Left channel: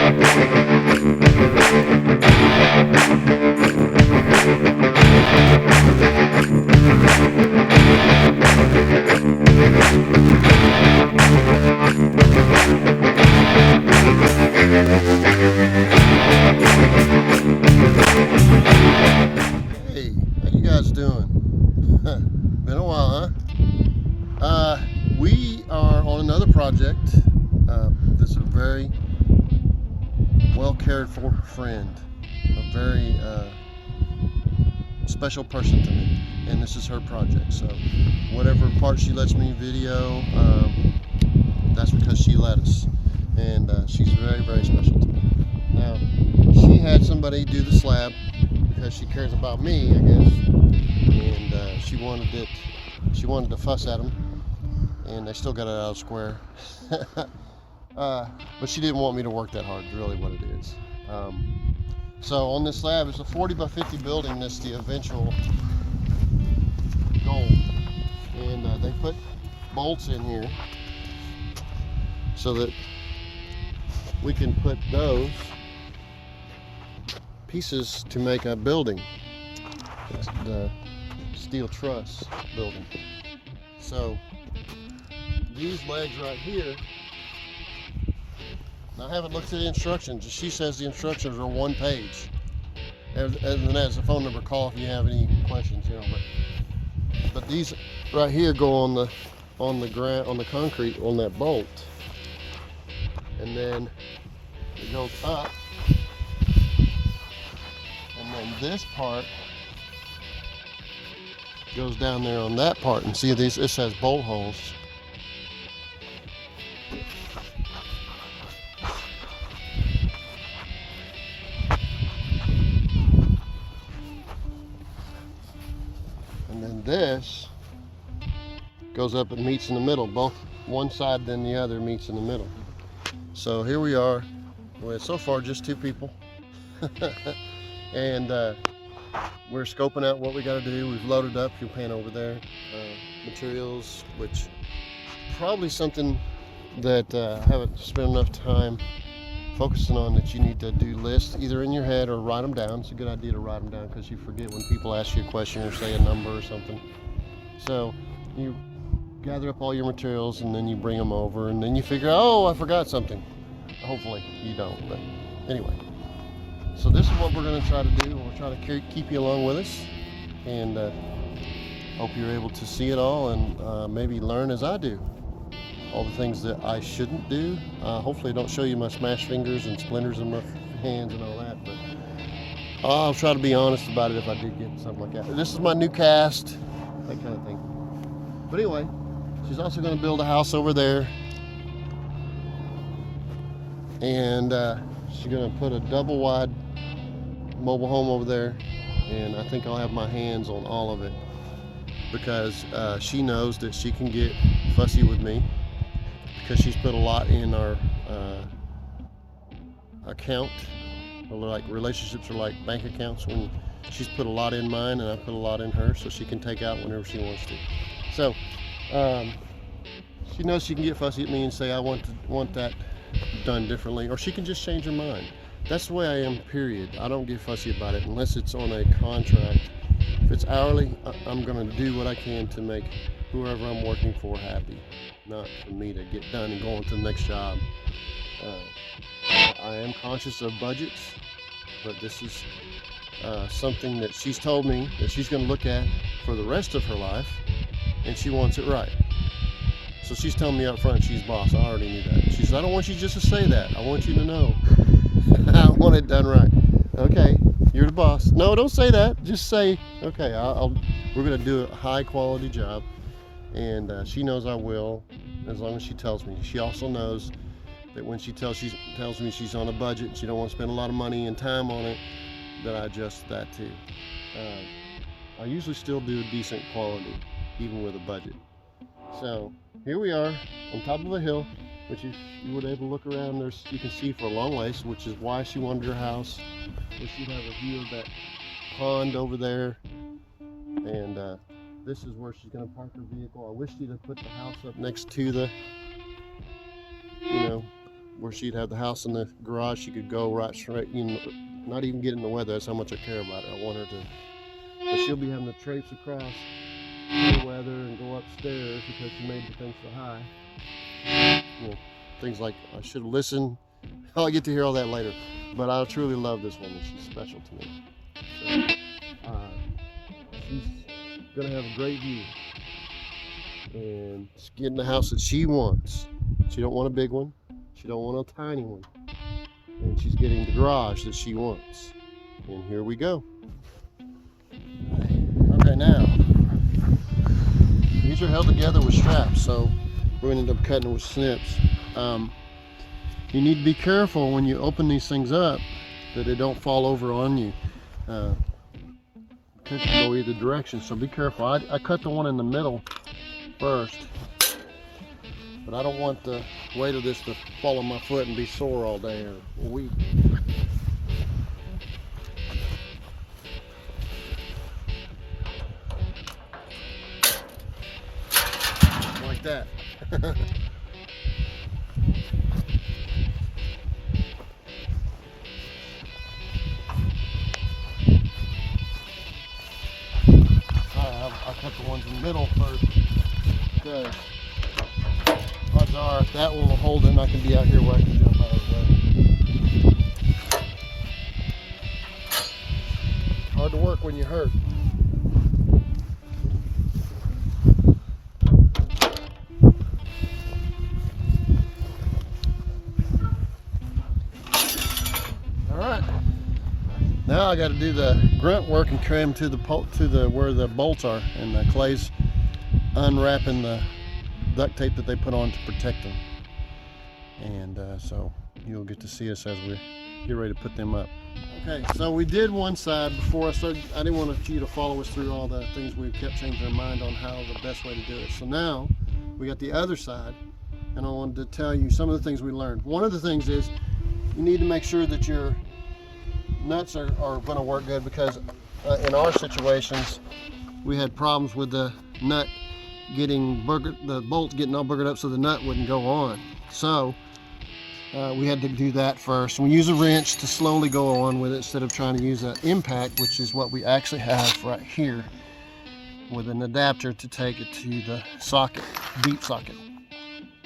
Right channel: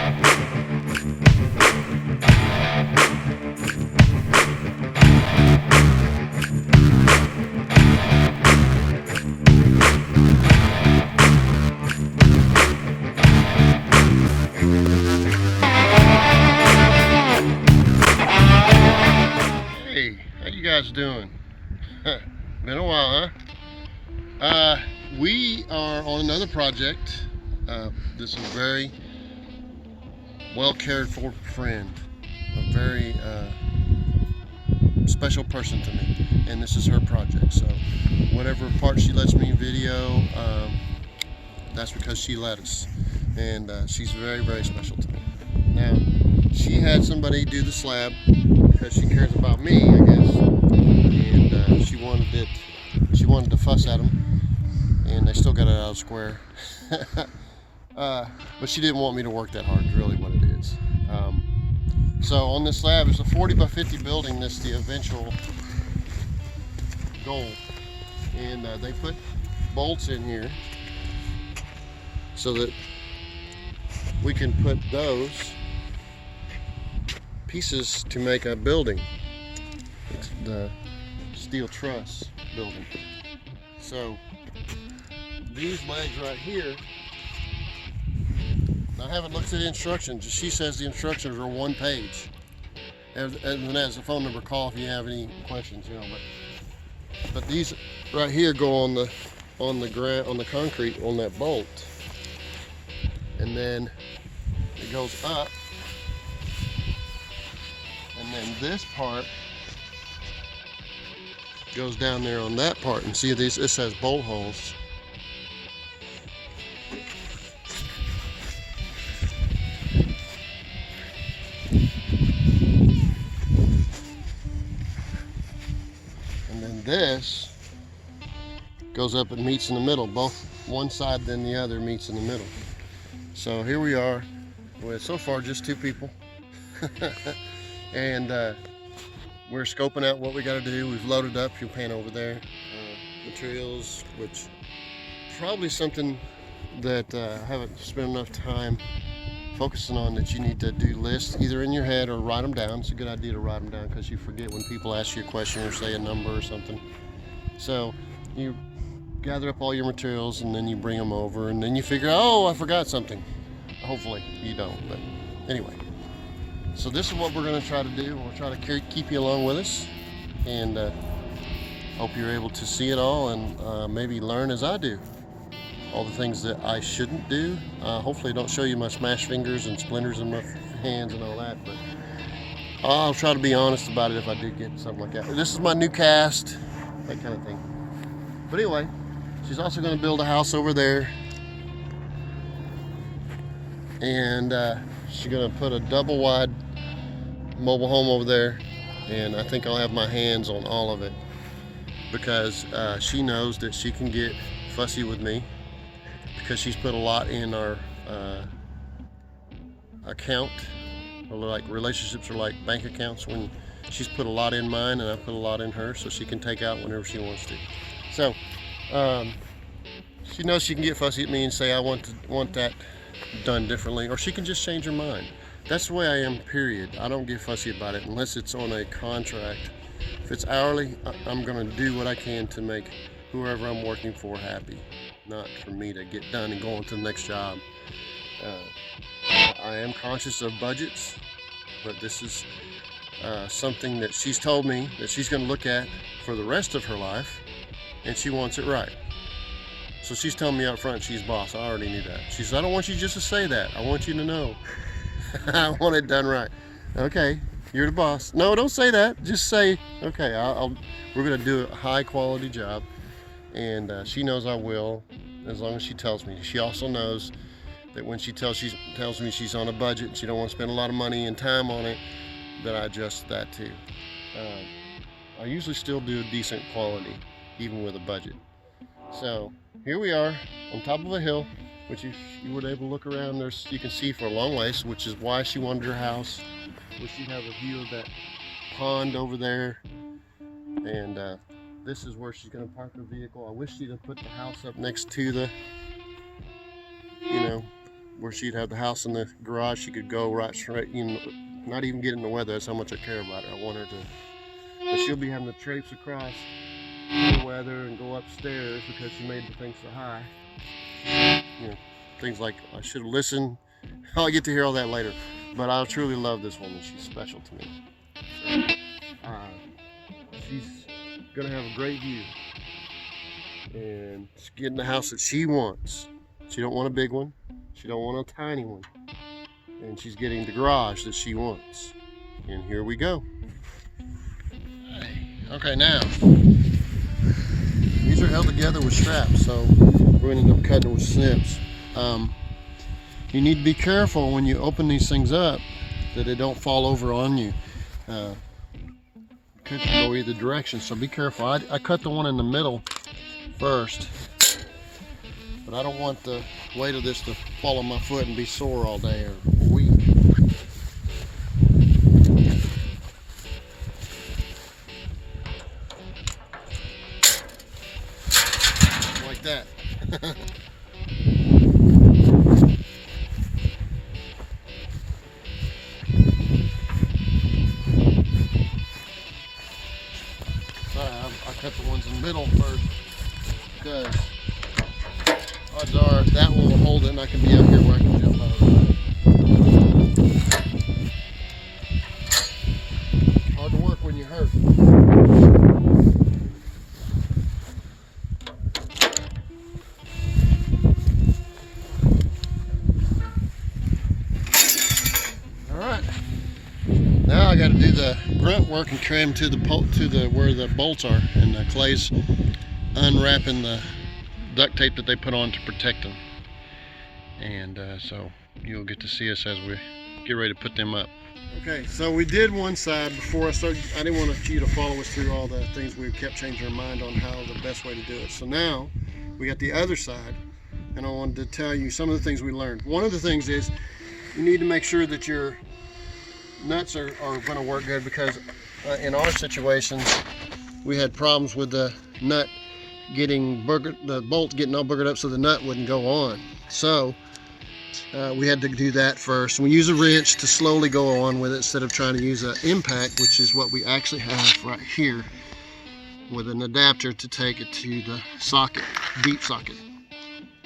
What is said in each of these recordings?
Hey, how you guys doing? Been a while, huh? We are on another project. This is a very well cared for friend, a very special person to me, and this is her project. So whatever part she lets me video, that's because she let us, and she's very, very special to me. Now, she had somebody do the slab because she cares about me, I guess, and she wanted to fuss at them, and they still got it out of square. But she didn't want me to work that hard, is really what it is. So on this slab, it's a 40 by 50 building. That's the eventual goal, and they put bolts in here so that we can put those pieces to make a building. It's the Steel Truss building. So these legs right here, I haven't looked at the instructions. She says the instructions are one page. And then there's a phone number. Call if you have any questions, you know. But these right here go on the ground, on the concrete, on that bolt, and then it goes up, and then this part goes down there on that part. And see these? It says bolt holes. And then this goes up and meets in the middle. Both one side then the other meets in the middle. So here we are with so far just two people. And we're scoping out what we got to do. We've loaded up, you'll pan over there, materials, which probably something that I haven't spent enough time focusing on, that you need to do lists either in your head or write them down. It's a good idea to write them down because you forget when people ask you a question or say a number or something. So you gather up all your materials and then you bring them over, and then you figure, oh, I forgot something. Hopefully you don't, but anyway. So this is what we're going to try to do. We'll try to keep you along with us, and hope you're able to see it all and maybe learn as I do. All the things that I shouldn't do. Hopefully I don't show you my smashed fingers and splinters in my hands and all that, but I'll try to be honest about it if I do get something like that. This is my new cast, that kind of thing. But anyway, she's also going to build a house over there, and she's going to put a double wide mobile home over there, and I think I'll have my hands on all of it because she knows that she can get fussy with me, because she's put a lot in our account. Like relationships are like bank accounts. When she's put a lot in mine and I put a lot in her, so she can take out whenever she wants to. So she knows she can get fussy at me and say I want that done differently, or she can just change her mind. That's the way I am, period. I don't get fussy about it unless it's on a contract. If it's hourly, I'm going to do what I can to make whoever I'm working for happy, not for me to get done and go on to the next job. I am conscious of budgets, but this is something that she's told me that she's going to look at for the rest of her life, and she wants it right. So she's telling me up front she's boss. I already knew that. She says, I don't want you just to say that. I want you to know. I want it done right. Okay, you're the boss. No, don't say that. Just say, okay, we're going to do a high quality job. And she knows I will, as long as she tells me. She also knows that when she tells me she's on a budget and she don't want to spend a lot of money and time on it, that I adjust that too. I usually still do a decent quality, even with a budget. So here we are on top of a hill, which you were able to look around. You can see for a long ways, which is why she wanted her house. So she'd have a view of that pond over there, and this is where she's going to park her vehicle. I wish she'd have put the house up next to the where she'd have the house in the garage. She could go right straight, you know, not even get in the weather. That's how much I care about her. I want her to, but she'll be having to traipse across the weather and go upstairs because she made the thing so high. You know, things like, I should have listened. I'll get to hear all that later. But I truly love this woman. She's special to me. So, she's gonna have a great view, and she's getting the house that she wants. She don't want a big one. She don't want a tiny one. And she's getting the garage that she wants. And here we go. Okay, now these are held together with straps, so we're gonna end up cutting it with snips. You need to be careful when you open these things up that it don't fall over on you. It could go either direction, so be careful. I cut the one in the middle first, but I don't want the weight of this to fall on my foot and be sore all day or weak. Like that. I cut the ones in the middle first because odds are that will hold it and I can be out here where I can jump out of the way. Hard to work when you hurt. Alright. Now I got to do the grunt work and carry them to the where the bolts are, and Clay's unwrapping the duct tape that they put on to protect them. And so you'll get to see us as we get ready to put them up. Okay, so we did one side before I started. I didn't want you to follow us through all the things. We kept changing our mind on how the best way to do it. So now we got the other side, and I wanted to tell you some of the things we learned. One of the things is you need to make sure that your nuts are going to work good, because in our situations we had problems with the nut getting the bolt getting all boogered up so the nut wouldn't go on. So we had to do that first. We use a wrench to slowly go on with it instead of trying to use an impact, which is what we actually have right here, with an adapter to take it to the socket, deep socket.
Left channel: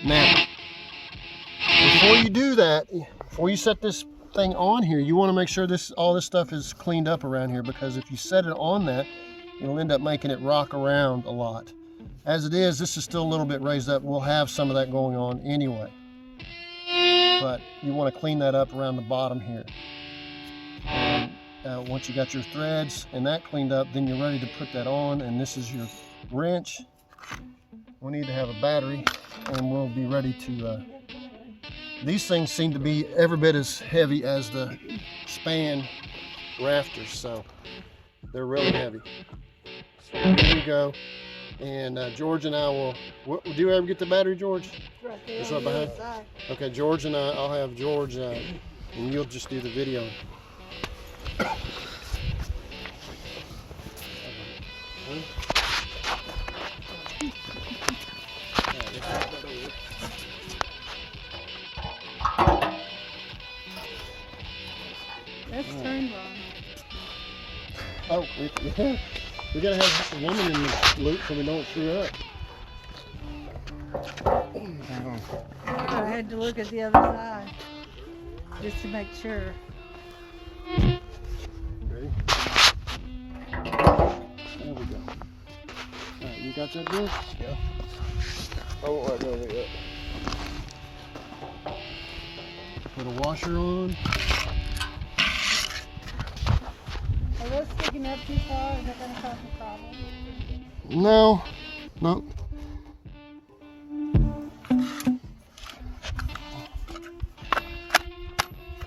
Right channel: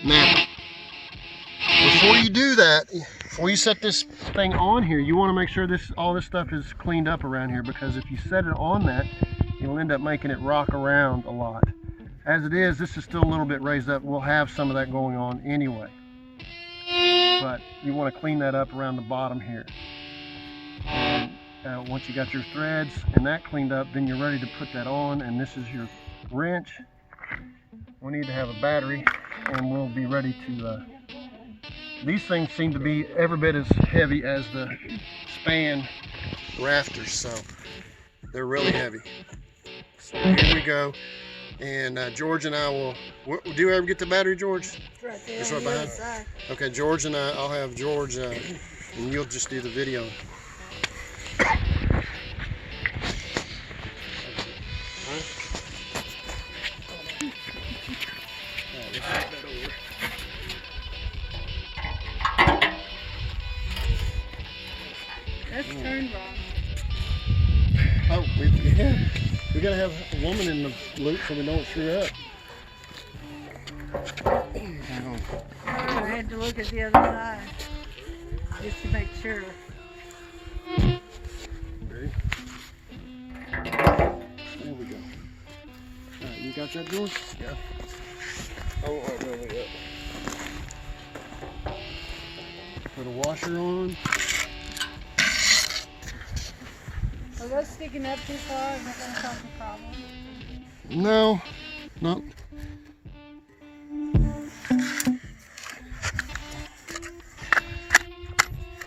Now, before you do that, before you set this thing on here, you want to make sure all this stuff is cleaned up around here, because if you set it on that, you'll end up making it rock around a lot. As it is, this is still a little bit raised up. We'll have some of that going on anyway. But you want to clean that up around the bottom here. And once you got your threads and that cleaned up, then you're ready to put that on. And this is your wrench. We need to have a battery, and we'll be ready to these things seem to be every bit as heavy as the span rafters, so they're really heavy. So here we go. And George and I will, do you ever get the battery, George? Right there. It's right behind? Okay, George and I'll have George, and you'll just do the video. That's turned wrong. Oh, we gotta have a woman in the loop so we don't screw up. I had to look at the other side just to make sure. Ready? There we go. Alright, you got that, George? Yeah. Oh, yeah. Put a washer on. Are those sticking up too far? Is it gonna cause a problem? No, no.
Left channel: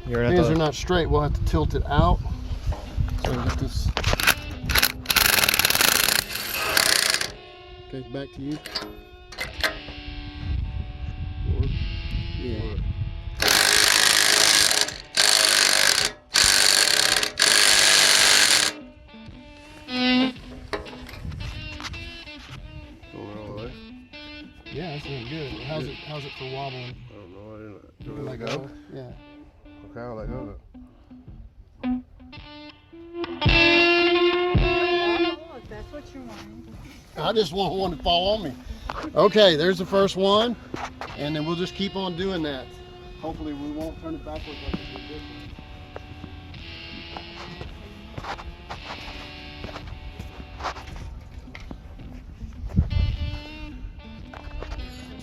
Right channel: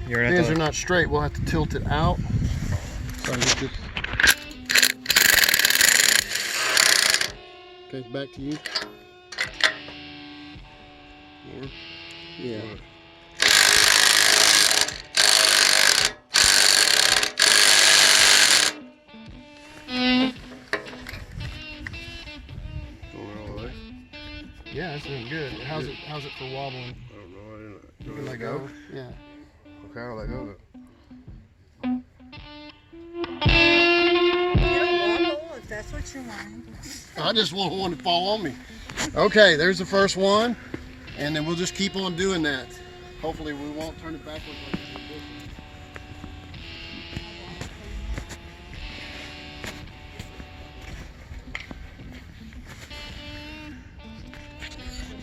Pins are not straight. We'll have to tilt it out. So we just. Okay, back to you. Yeah. Yeah, that's looking good. How's it for wobbling? I don't know. You can let go? Yeah. Okay, I'll let go. If that's what you mean. I just want one to fall on me. Okay, there's the first one, and then we'll just keep on doing that. Hopefully we won't turn it back over.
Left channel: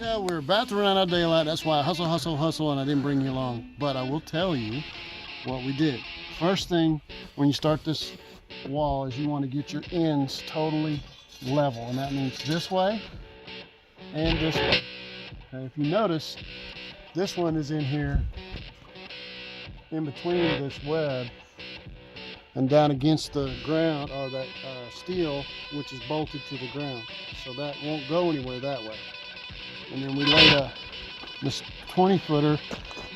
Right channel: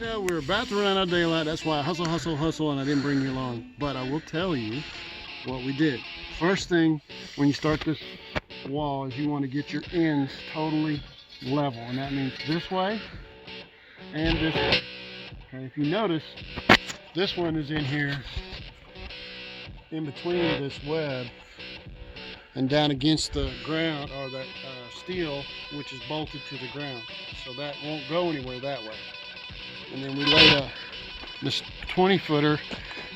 Yeah, we're about to run out of daylight. That's why I hustle, and I didn't bring you along. But I will tell you what we did. First thing, when you start this wall, is you want to get your ends totally level, and that means this way and this way. Okay, if you notice, this one is in here in between this web and down against the ground, or that steel, which is bolted to the ground, so that won't go anywhere that way. And then we laid this 20-footer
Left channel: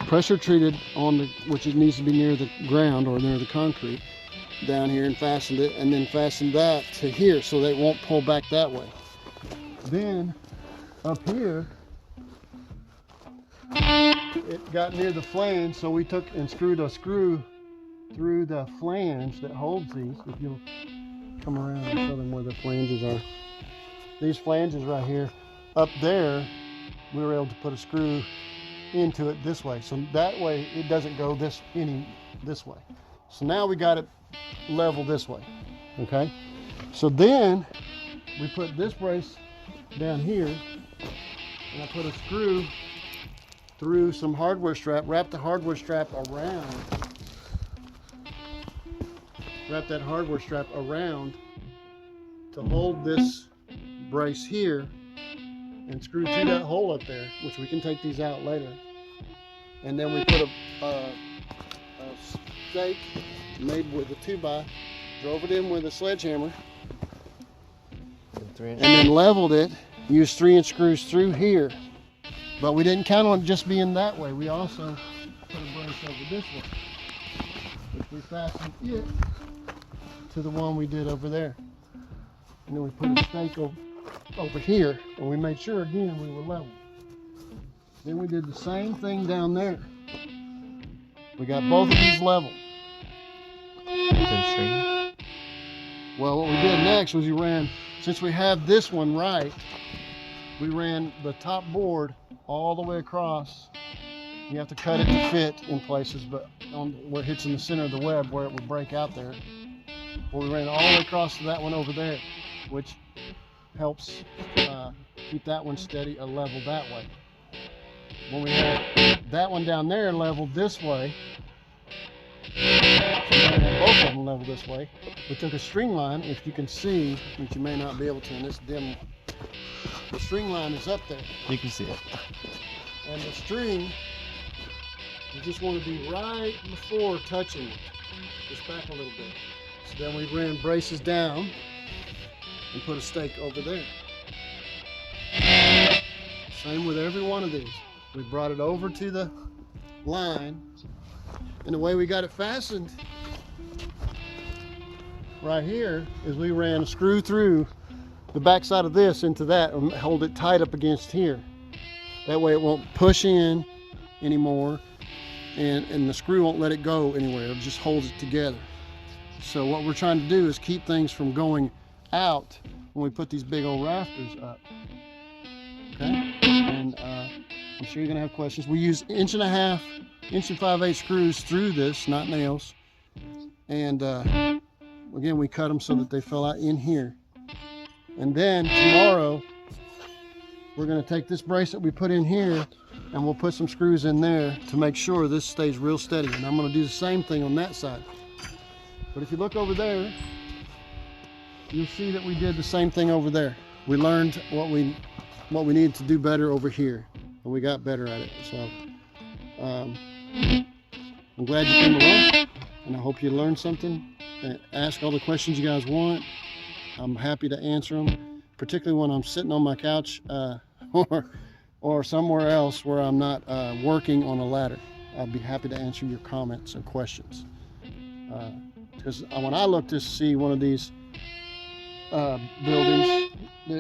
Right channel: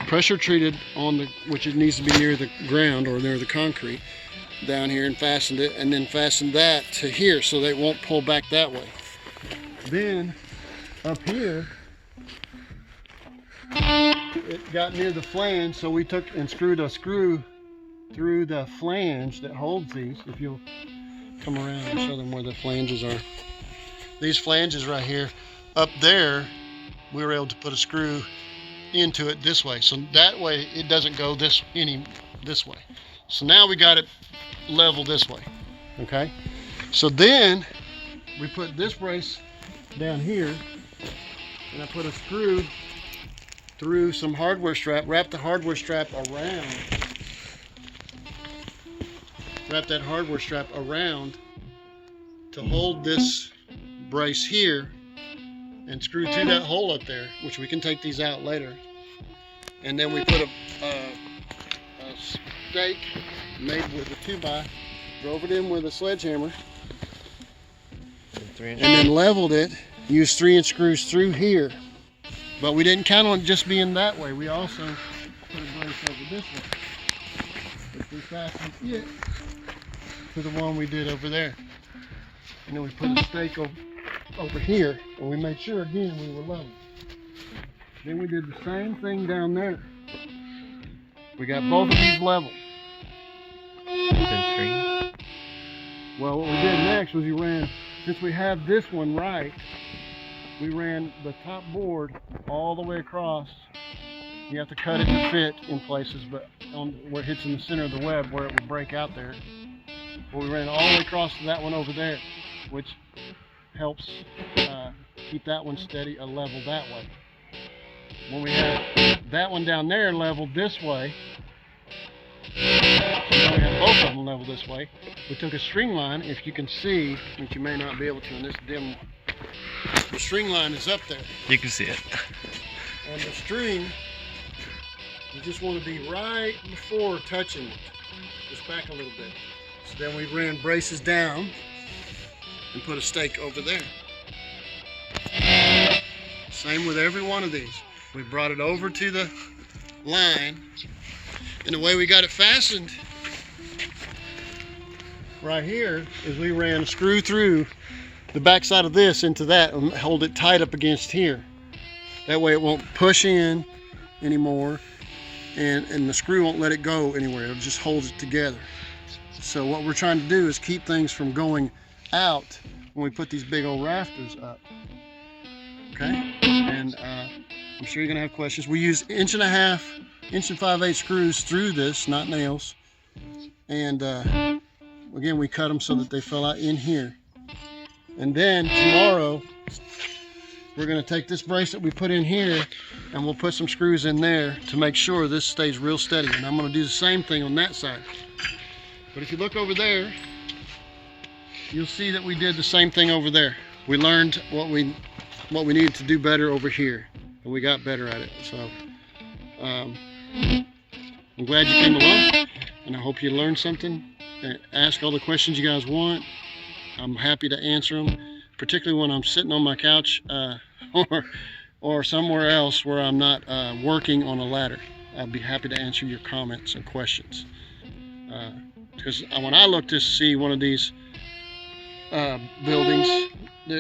pressure treated on the, which it needs to be near the ground or near the concrete, down here, and fastened it, and then fastened that to here so that it won't pull back that way. Then up here, it got near the flange, so we took and screwed a screw through the flange that holds these. If you'll come around and show them where the flanges are. These flanges right here, up there, we were able to put a screw into it this way, so that way it doesn't go this way. So now we got it level this way. Okay, so then we put this brace down here, and I put a screw through some hardware strap, wrap the hardware strap around, to hold this brace here, and screw through that hole up there, which we can take these out later. And then we put a stake made with a 2x, drove it in with a sledgehammer, and then leveled it, used 3-inch screws through here. But we didn't count on it just being that way. We also put a brace over this way, which we fastened it to the one we did over there. And then we put a stake over here, and we made sure again we were level. Then we did the same thing down there. We got both of these level. Well, what we did next was we ran, since we have this one right, we ran the top board all the way across. You have to cut it to fit in places, but on where it hits in the center of the web where it would break out there. Well, we ran it all the way across to that one over there, which helps keep that one steady or level that way. When we had that one down there leveled this way, so now we have both of them leveled this way, we took a string line, if you can see, which you may not be able to in this dim, the string line is up there. You can see it. And the string, you just want to be right before touching it, just back a little bit. So then we ran braces down and put a stake over there. Same with every one of these. We brought it over to the line, and the way we got it fastened right here is we ran a screw through the back side of this into that and hold it tight up against here. That way it won't push in anymore, and the screw won't let it go anywhere. It'll just hold it together. So what we're trying to do is keep things from going out when we put these big old rafters up. Okay, and I'm sure you're gonna have questions. We use 1.5 inch and 5/8 screws through this, not nails. And again, we cut them so that they fell out in here. And then tomorrow, we're gonna take this brace that we put in here, and we'll put some screws in there to make sure this stays real steady. And I'm gonna do the same thing on that side. But if you look over there, you'll see that we did the same thing over there. We learned what we needed to do better over here, and we got better at it. So I'm glad you came along, and I hope you learned something. Ask all the questions you guys want. I'm happy to answer them, particularly when I'm sitting on my couch or somewhere else where I'm not working on a ladder. I'll be happy to answer your comments and questions. Because when I looked to see one of these buildings,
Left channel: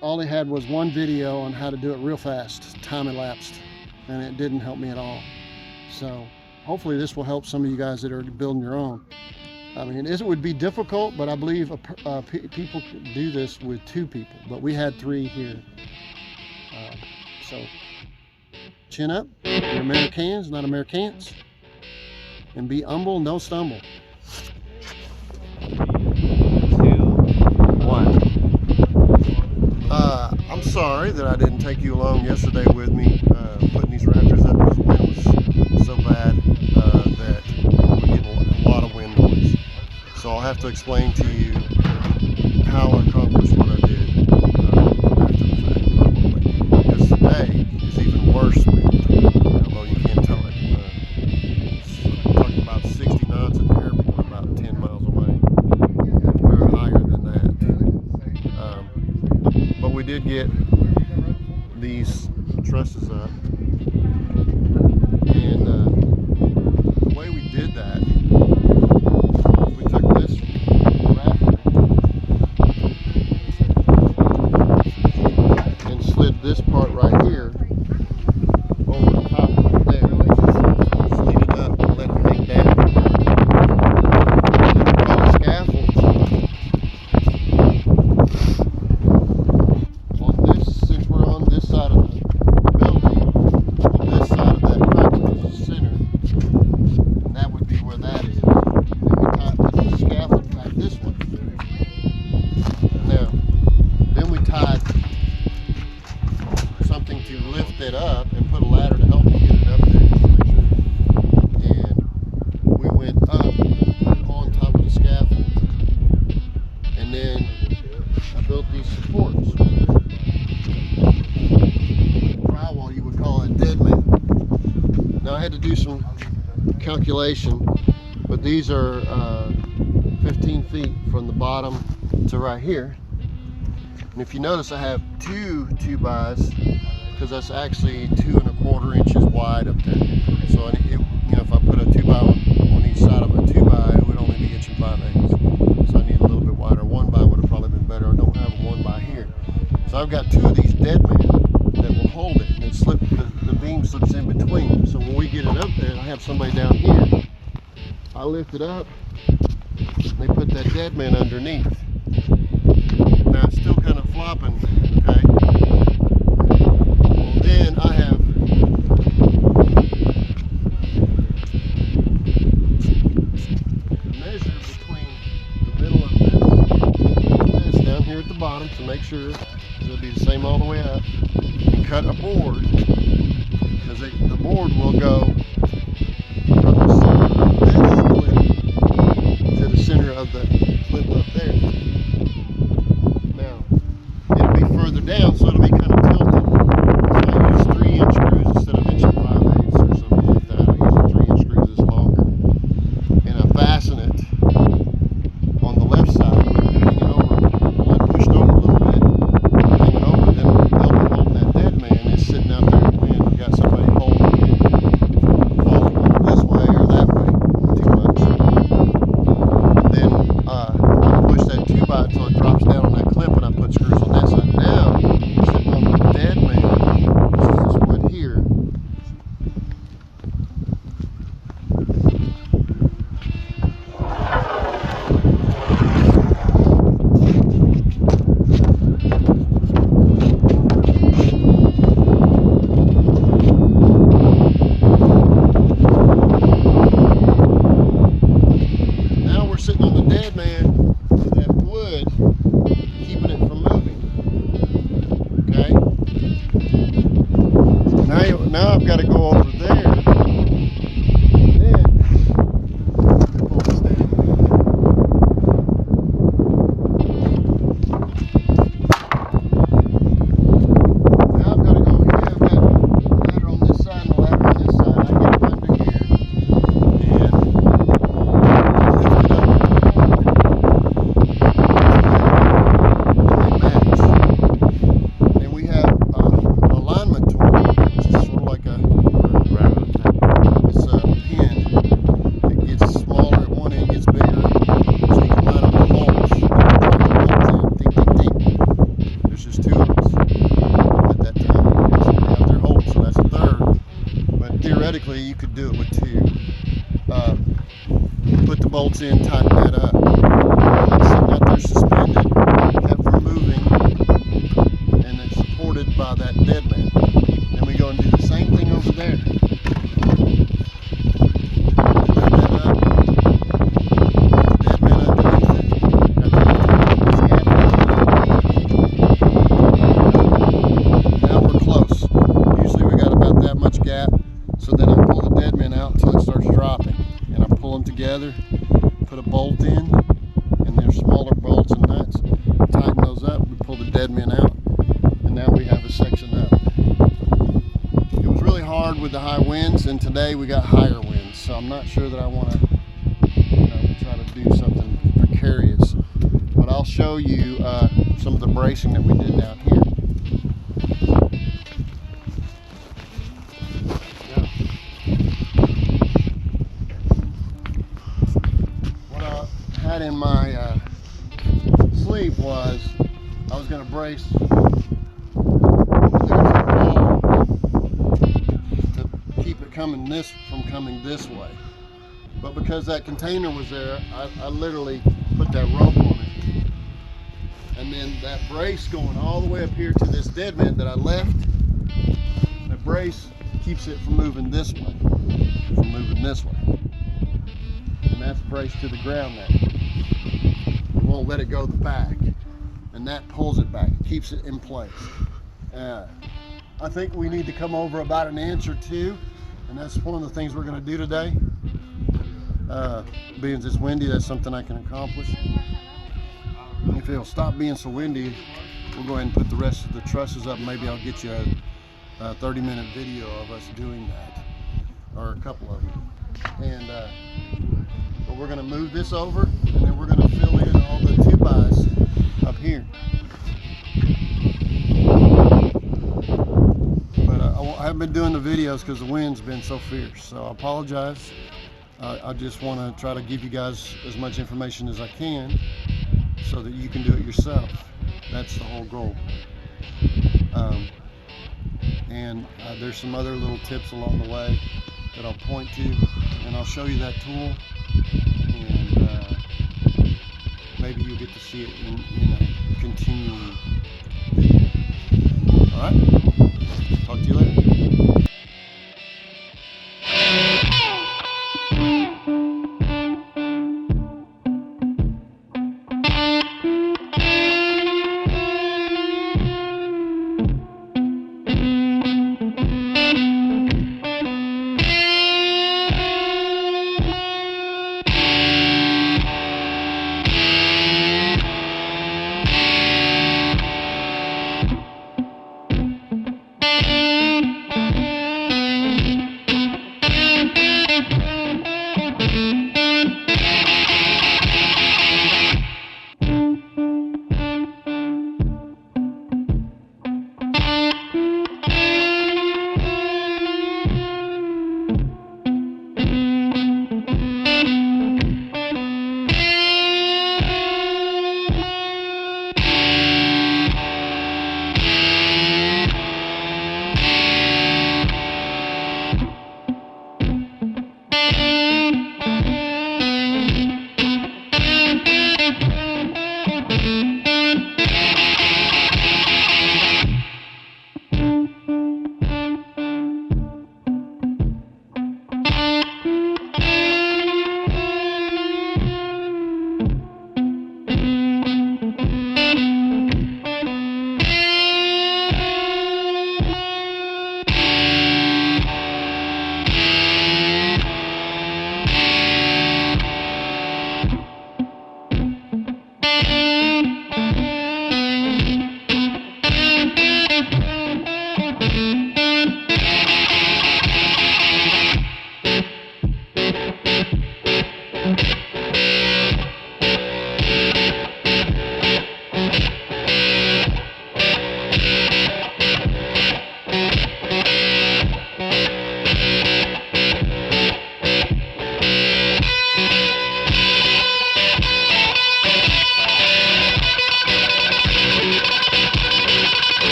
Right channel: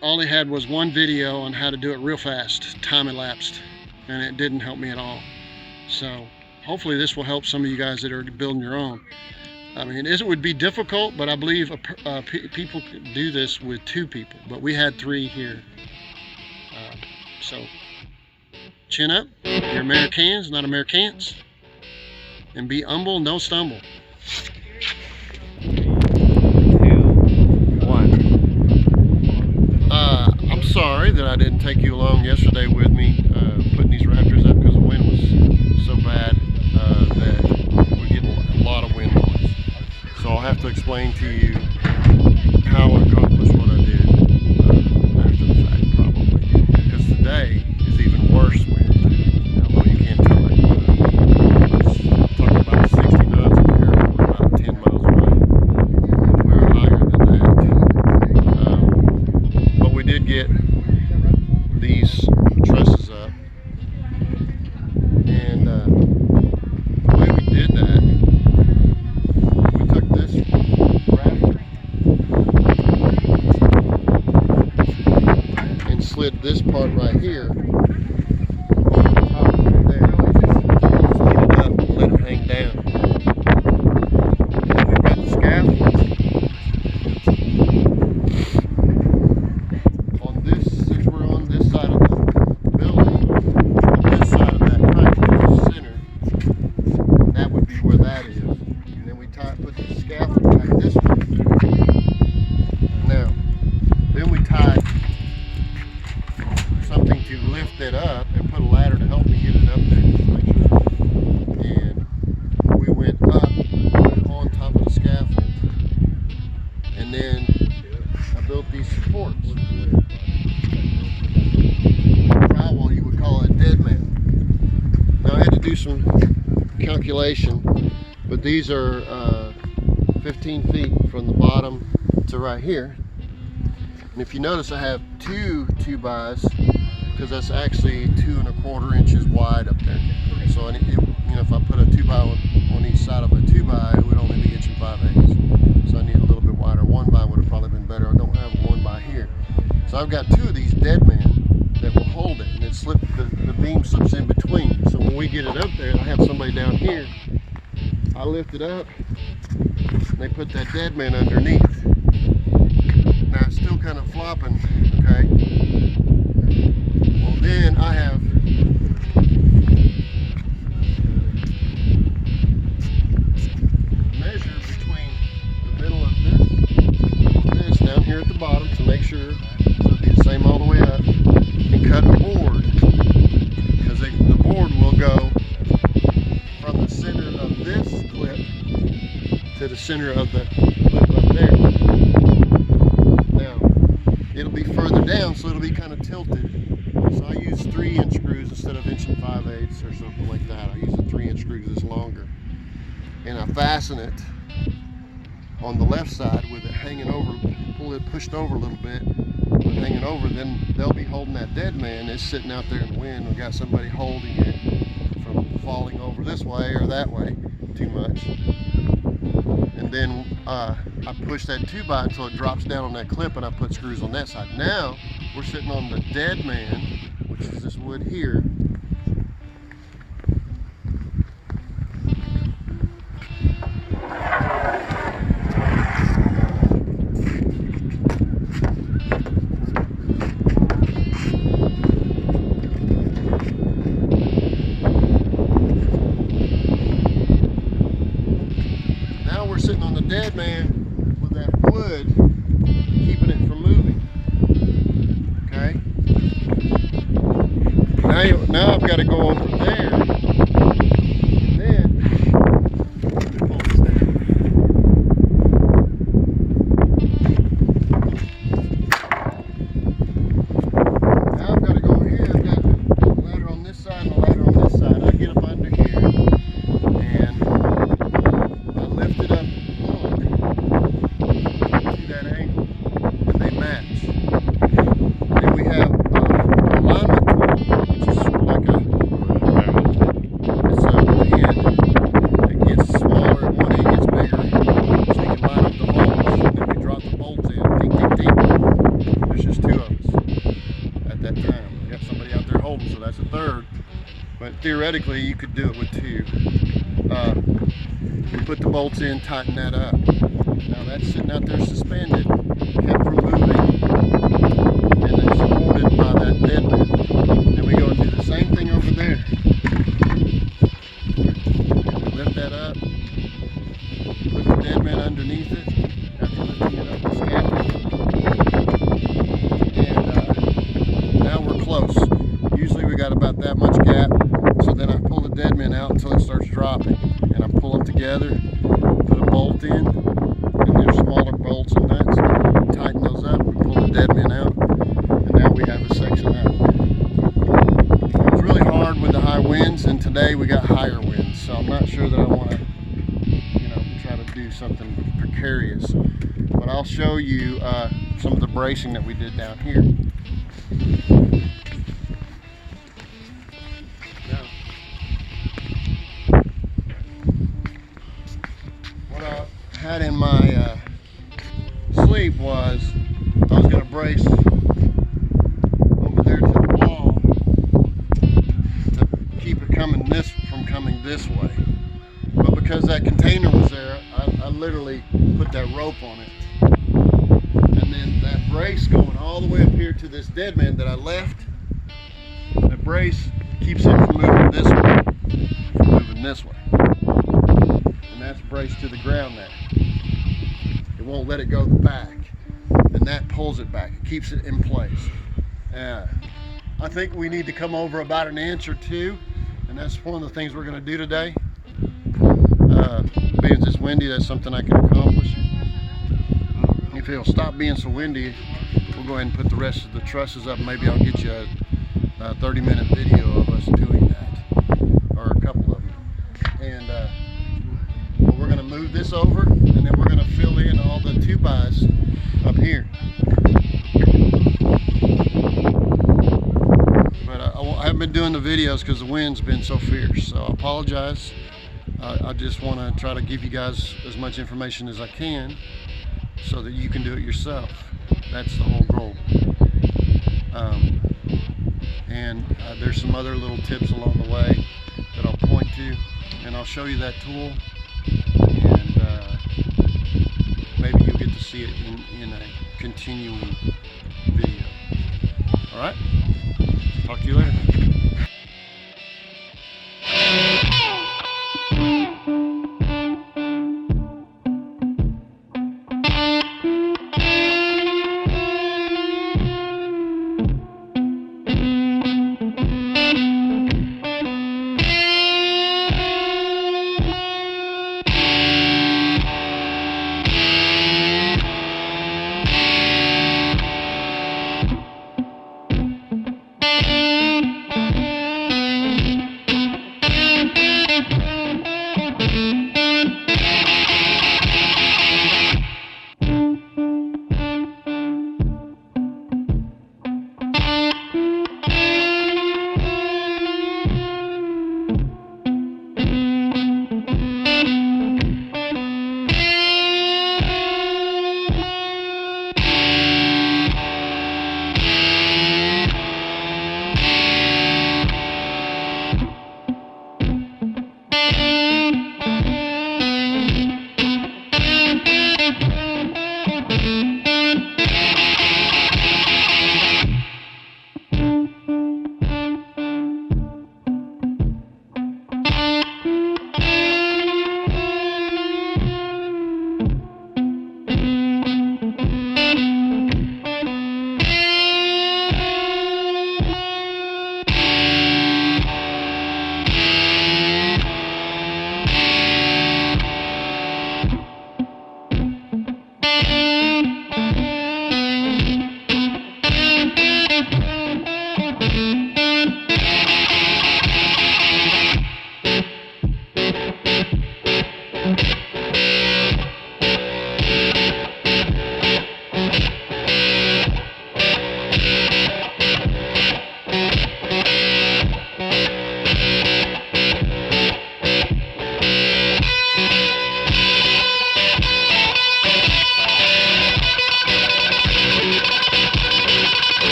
all they had was one video on how to do it real fast, time elapsed, and it didn't help me at all. So hopefully this will help some of you guys that are building your own. I mean, it would be difficult, but I believe people could do this with 2 people, but we had 3 here. So chin up, you're Americans, not Americans, and be humble, no stumble. 3, 2, 1. I'm sorry that I didn't take you along yesterday with me putting these rafters up because the wind was so bad that we're getting a lot of wind noise. So I'll have to explain to you how I accomplished what I did after the fact, probably. Because today is even worse wind, although you can't tell it. It's talking about 60 knots at the airport, about 10 miles away. And we're higher than that. But we did get these trusses up. And the way we did that, we took this rafter and slid this part right here over the top of there. So you gotta let it hang down. And we got a scaffold on this, since we're on this side of the building, on this side of that crack, which is the center, that would be where that is. Put the scaffold back this way. Now, then we tied something to lift it up and put a ladder to help me get it up there. And we went up on top of the scaffold. And then I built these supports. Drywall, you would call it dead man. Now I had to do some calculation, but these are 15 feet from the bottom to right here. And if you notice, I have 2 2x because that's actually 2 1/4 inches wide up there. So if I put a 2x on each side of a 2x, it would only be 1 5/8. So I need a little bit wider. 1x would have probably been better. I don't have a 1x here. So I've got 2 of these dead men that will hold it, and the beam slips in between. So when we get it up there, I have somebody down here. I lift it up, they put that dead man underneath. Now it's still kind of flopping, okay? Well, then I have measure between the middle of this down here at the bottom to make sure it'll be the same all the way up, and cut a board, because the board will go from the center of this clip to the center of the clip up there. Now, it'll be further down, so it'll be kind of tilted. So I use 3-inch screws instead of 1 5/8 or something like that. I use a 3-inch screw that's longer. And I fasten it on the left side with it hanging over, pushed over a little bit, hanging over. Then they'll be holding that dead man. It's sitting out there in the wind. We've got somebody holding it, falling over this way or that way too much. And then I push that 2x until it drops down on that clip, and I put screws on that side. Now, sitting on the dead man, this is this wood here. Sitting on the dead man with that wood, keeping it from moving. Okay? Now I've got to go over there. And then pull this down. Now I've got to go here. I've got a ladder on this side and a ladder on this side. I get it under here. And lift it up. They match. And we have alignment tool, which is sort of like a theoretically, you could do it with two. Put the bolts in, tighten that up. That's sitting out there suspended, kept from moving, and then supported by that dead man. Then we go and do the same thing over there. Lift that up, put the dead man underneath it, got the and now we're close. Usually we got about that much gap, so then I pull the dead man out until it starts dropping, and I pull them together, put a bolt in, and there's smaller bolts and nuts, tighten those up, we pull the dead man out, and now we have a section up. It was really hard with the high winds, and today we got higher winds, so I'm not sure that I want to, try to do something precarious. But I'll show you some of the bracing that we did down here. What I had in my sleeve was I was going to brace over there to the wall to keep it from coming this way. But because that container was there, I literally put that rope on it. And then that brace going all the way up here to this dead man that I left, that brace keeps it from moving this way, And that's braced to the ground now. It won't let it go back. And that pulls it back, it keeps it in place. I think we need to come over about an inch or two, and that's one of the things we're going to do today. Being it's windy, that's something I can accomplish. If it'll stop being so windy, we'll go ahead and put the rest of the trusses up. Maybe I'll get you a 30-minute video of us doing that, or a couple of them. And we're going to move this over, and then we're going to fill in all the 2x up here. But I haven't been doing the videos because the wind's been so fierce, so I apologize. I just want to try to give you guys as much information as I can so that you can do it yourself. That's the whole goal. There's some other little tips along the way that I'll point to, and I'll show you that tool, and maybe you'll get to see it in a continuing video. All right? Talk to you later.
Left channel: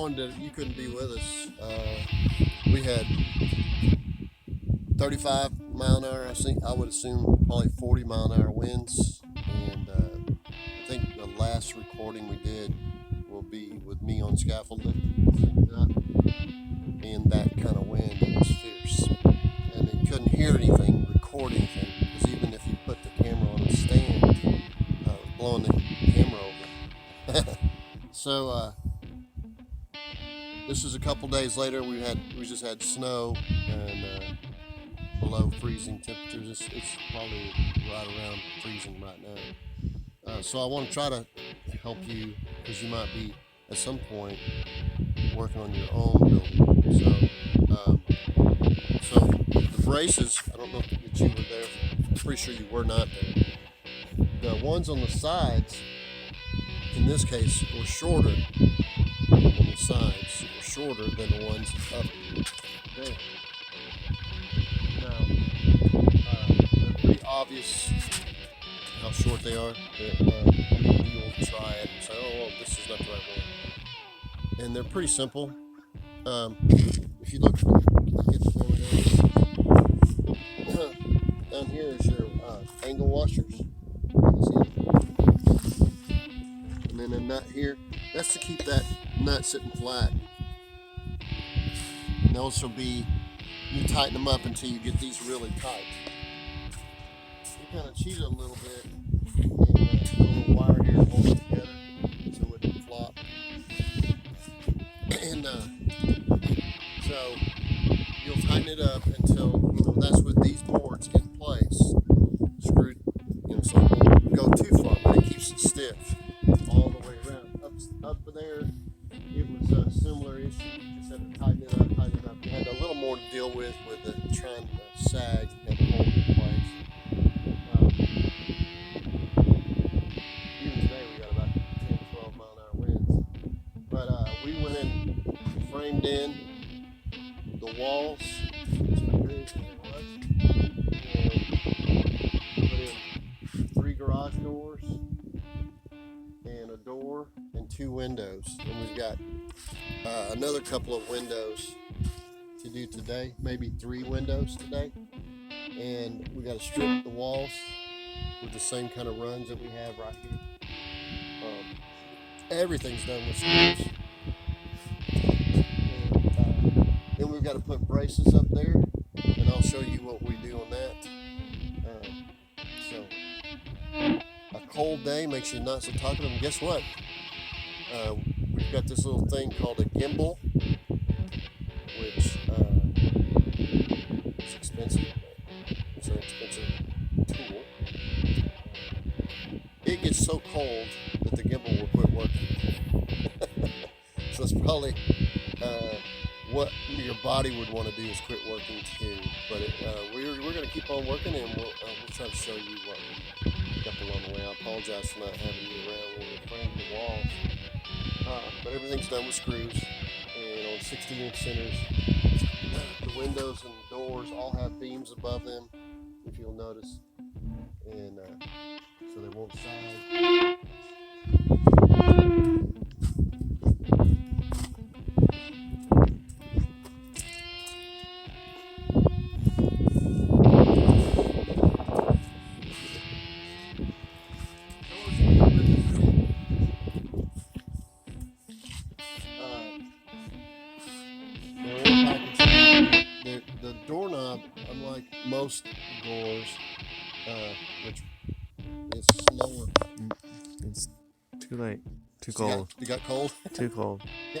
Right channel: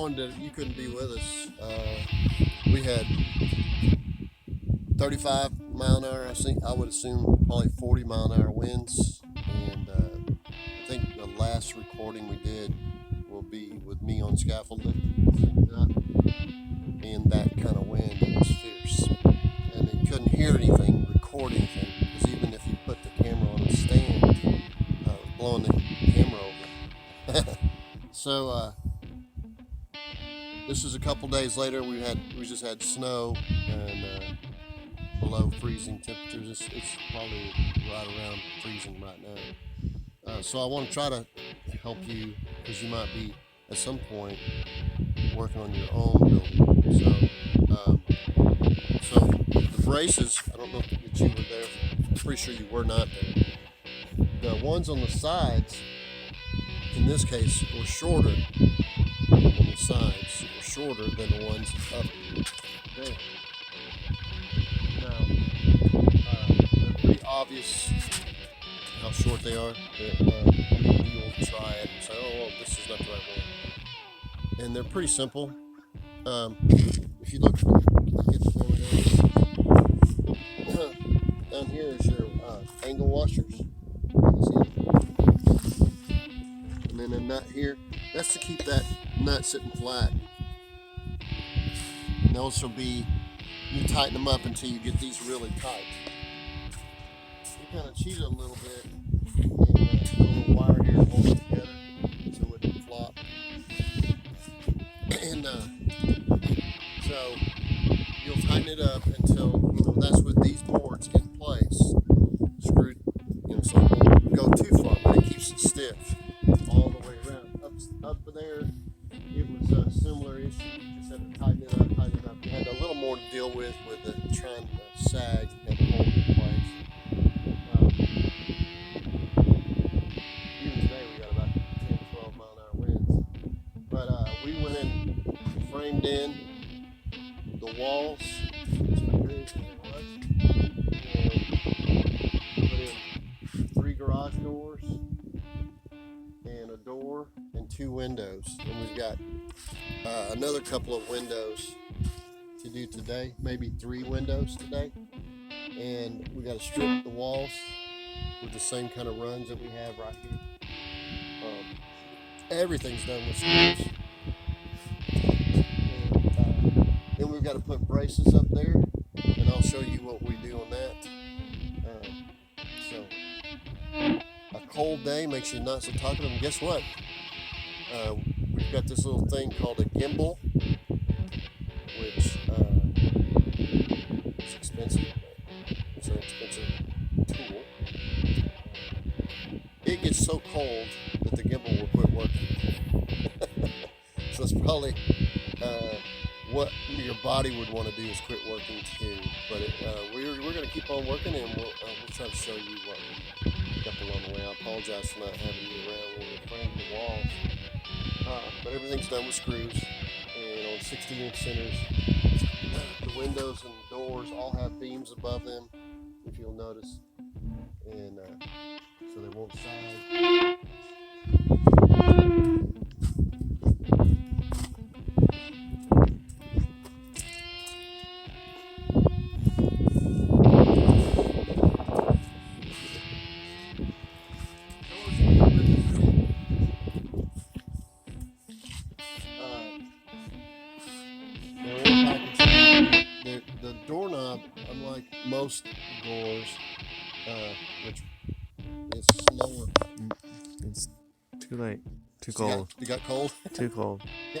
disappointed that you couldn't be with us. We had 35 mile an hour, I would assume probably 40 mile an hour winds, and I think the last recording we did will be with me on scaffold lifting up, and that kind of wind, it was fierce, and you couldn't hear anything, record anything, because even if you put the camera on a stand, it was blowing the camera over. So this is a couple days later. We just had snow and below freezing temperatures. It's probably right around freezing right now. So I want to try to help you, because you might be at some point working on your own building. So the braces, I don't know if you were there. I'm pretty sure you were not there. The ones on the sides, in this case, were shorter on the sides, were shorter than the ones up there. Now, obvious how short they are. You'll try it and say, oh, well, this is not the right one. And they're pretty simple. If you look at the camera down here is your angle washers. See it? And then a nut here. That's to keep that nut sitting flat. And those will be, you tighten them up until you get these really tight. You kind of cheat it a little bit. And put a little wire here to hold it together so it wouldn't flop. And so you'll tighten it up until, that's with these boards in place, screwed, so it won't go too far, but it keeps it stiff all the way around. Up there, it was a similar issue. You just had to tighten it up. You had a little more to deal with the trying to sag and hold it in place. Even today, we got about 10, 12 mile an hour winds. But we went in, framed in the walls, as big as it was, and put in 3 garage doors and a door and 2 windows. And we've got another couple of windows to do today, maybe 3 windows today. And we got to strip the walls with the same kind of runs that we have right here. Everything's done with screws. Then we've got to put braces up there, and I'll show you what we do on that. So a cold day makes you not so talkative. And guess what? We've got this little thing called a gimbal, which is expensive. It's an expensive tool. It gets so cold that the gimbal will quit working. So it's probably what your body would want to do is quit working too. But we're going to keep on working, and we'll try to show you what we got along the way. I apologize for not having you around when we're framing the walls. But everything's done with screws and on 60-inch centers. The windows and doors all have beams above them, if you'll notice, and so they won't sag. The doorknob, unlike most doors, which is slower. It's too late. Too So cold. you got cold? Too cold. Yeah.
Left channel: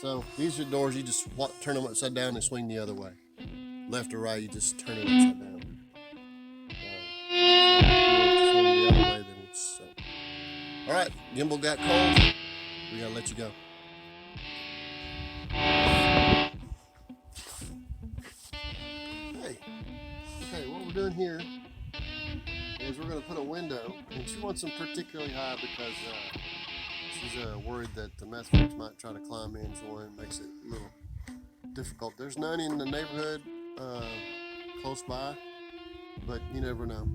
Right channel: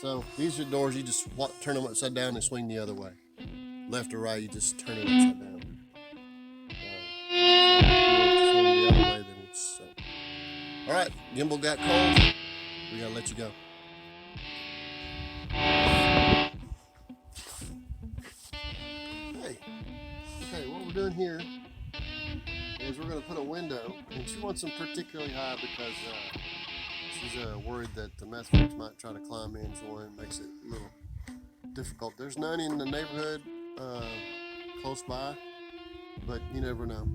So these are doors you just turn them upside down and swing the other way. Left or right, you just turn it upside down. If you swing the other way, then it's... All right, gimbal got cold. We gotta let you go. Okay, what we're doing here is we're going to put a window, and she wants them particularly high because she's worried that the meth freaks might try to climb in, join, makes it a little difficult. There's none in the neighborhood close by, but you never know.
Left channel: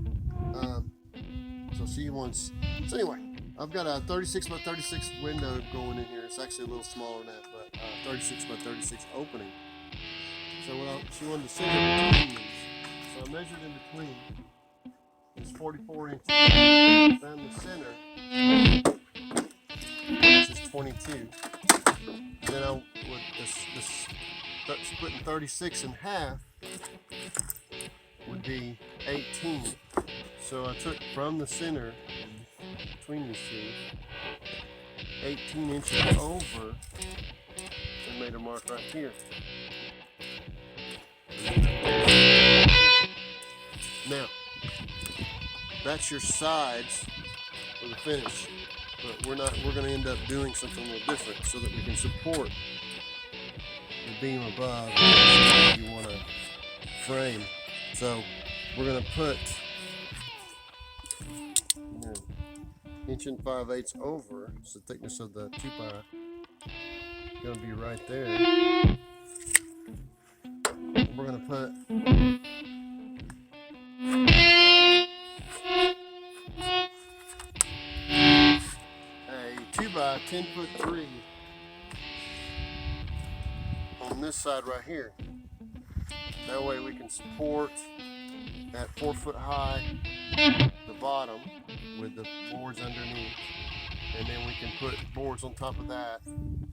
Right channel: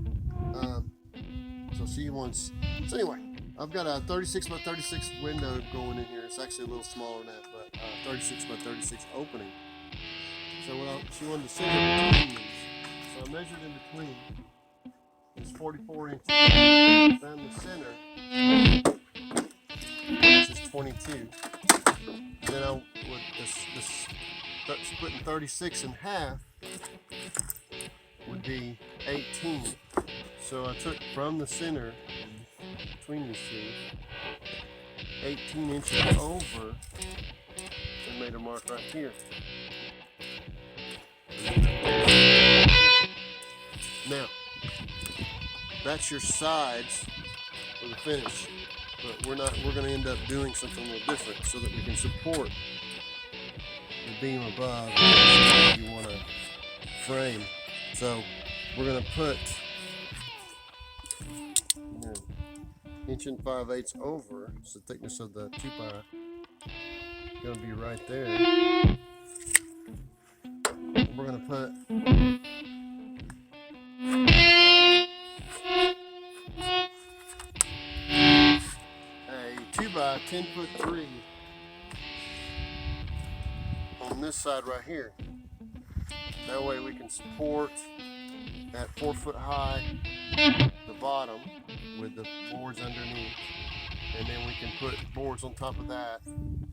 So she wants, so anyway, I've got a 36 by 36 window going in here. It's actually a little smaller than that, but 36 by 36 opening. So she wanted to center between these. So I measured in between. It's 44 inches. Found the center, which is 22. Then I would splitting 36 in half would be 18. So I took from the center between these two 18 inches over and made a mark right here. Now, that's your sides for the finish, but we're going to end up doing something a little different so that we can support the beam above that you want to frame. So we're going to put 1 5/8 inches over, it's the thickness of the 2-ply, going to be right there. We're going to put 10'3" on this side right here. That way we can support at 4 foot high the bottom with the boards underneath, and then we can put boards on top of that,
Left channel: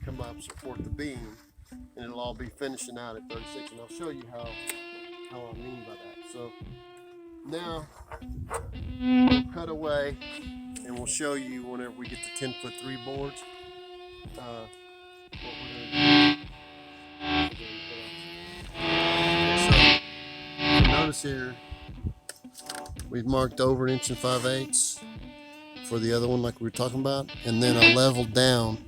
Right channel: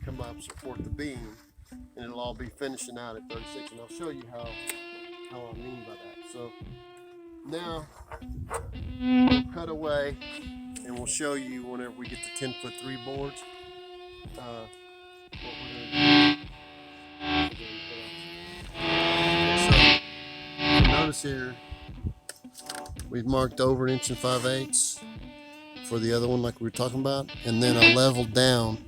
come up, support the beam, and it'll all be finishing out at 36. And I'll show you how I mean by that. So now we'll cut away and we'll show you whenever we get the 10'3" boards what we're going to do. So notice here we've marked over 1 5/8 inches for the other one like we were talking about, and then I leveled down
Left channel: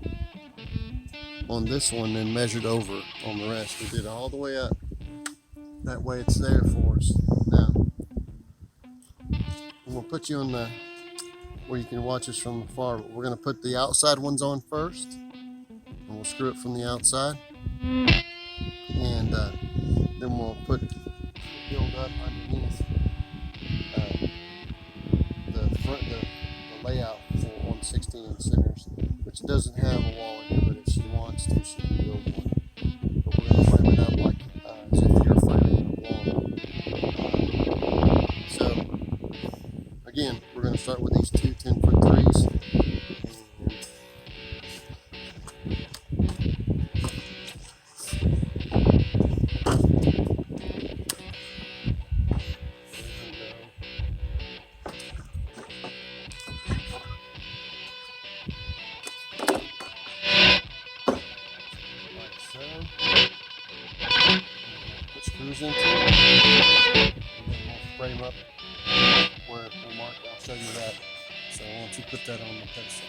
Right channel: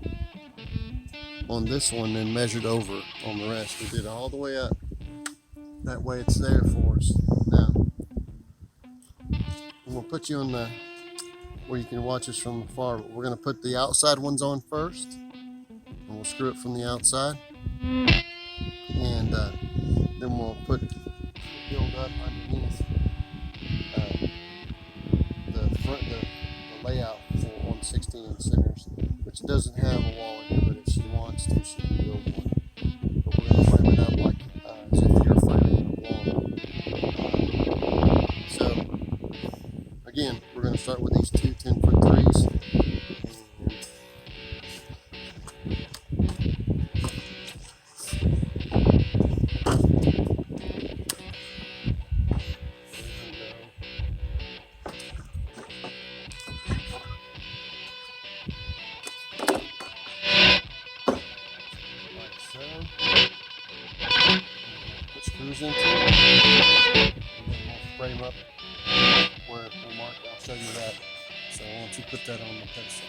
on this one and measured over on the rest. We did it all the way up. That way it's there for us. Now we'll put you on the where you can watch us from afar. We're going to put the outside ones on first, and we'll screw it from the outside, and then we'll put build up underneath the layout on 16-inch centers, which doesn't have a wall in here, but if she wants to, she can build one. But we're going to frame it up like as if you're framing a wall. So again, we're going to start with these two 10'3s. Put screws into it, and then we'll frame up where we'll mark. I'll show you that. So why don't you put that on the pedestal?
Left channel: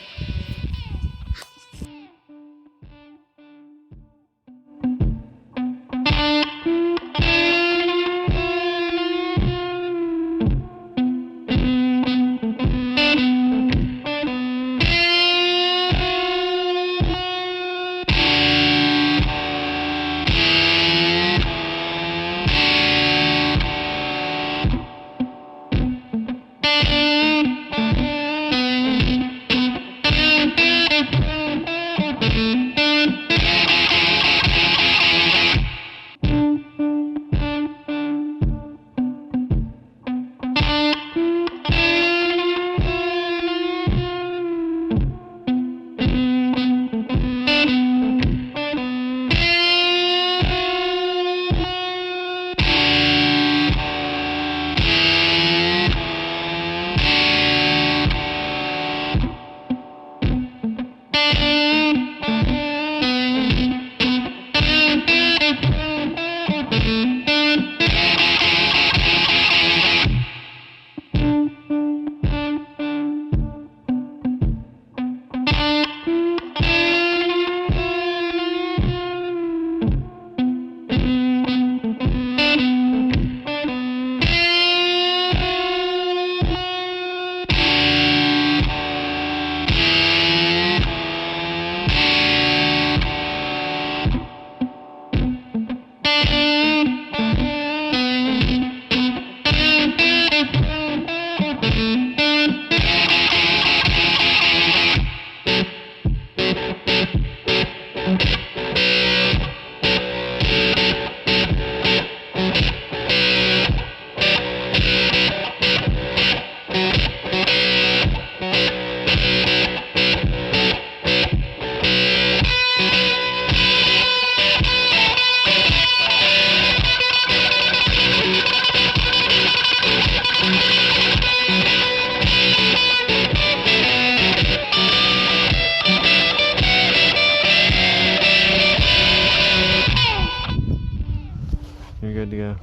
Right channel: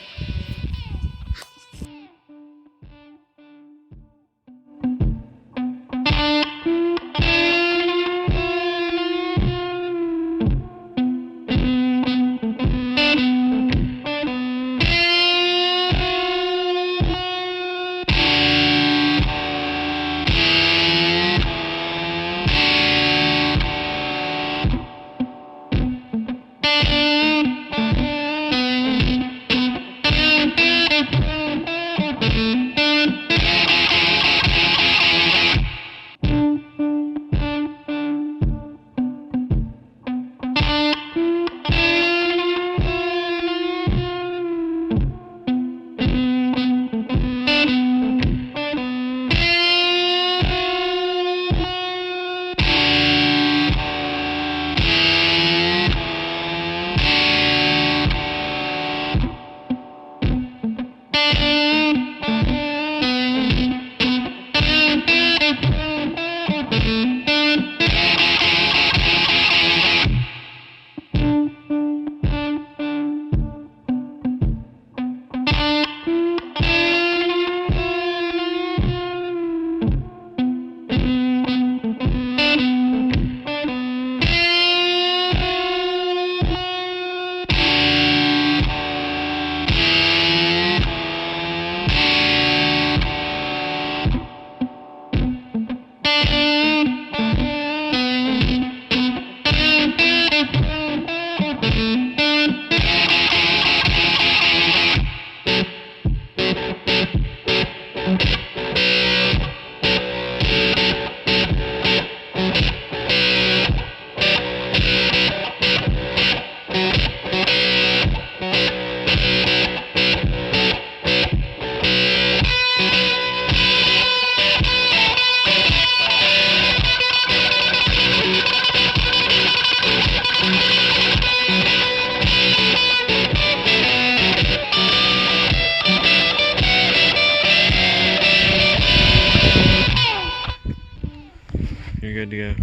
You're good to go.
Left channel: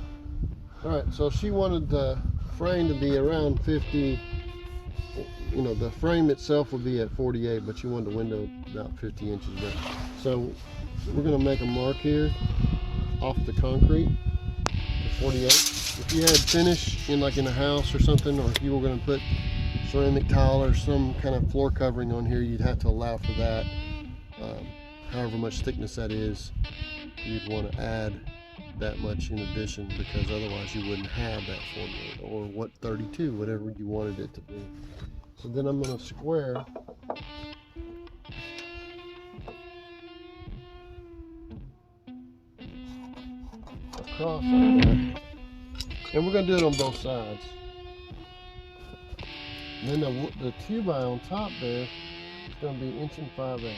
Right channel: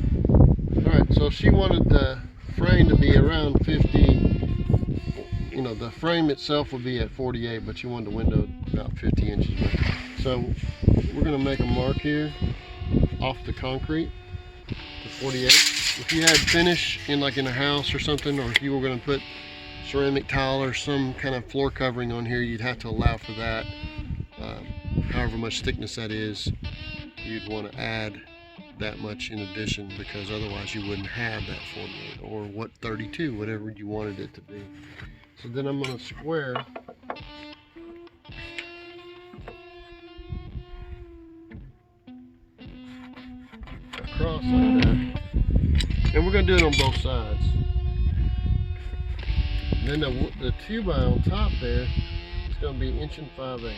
Alright, so she wanted the frame to be around 50. You know, the frame itself will be at 48, but she wanted the window about 50 inches. So we're going to make a mark here off the concrete to 48. If you had finish in like in a house or something, or if you were going to put ceramic tile or some kind of floor covering on here, you'd have to allow for that. However much thickness that is, you'd want to add that much in addition, because otherwise you wouldn't have that 48 or what 32, whatever you wanted it to be. So then I'm going to square across like that. And we're going to do it on both sides. And then the 2x on top there is going to be 1 5/8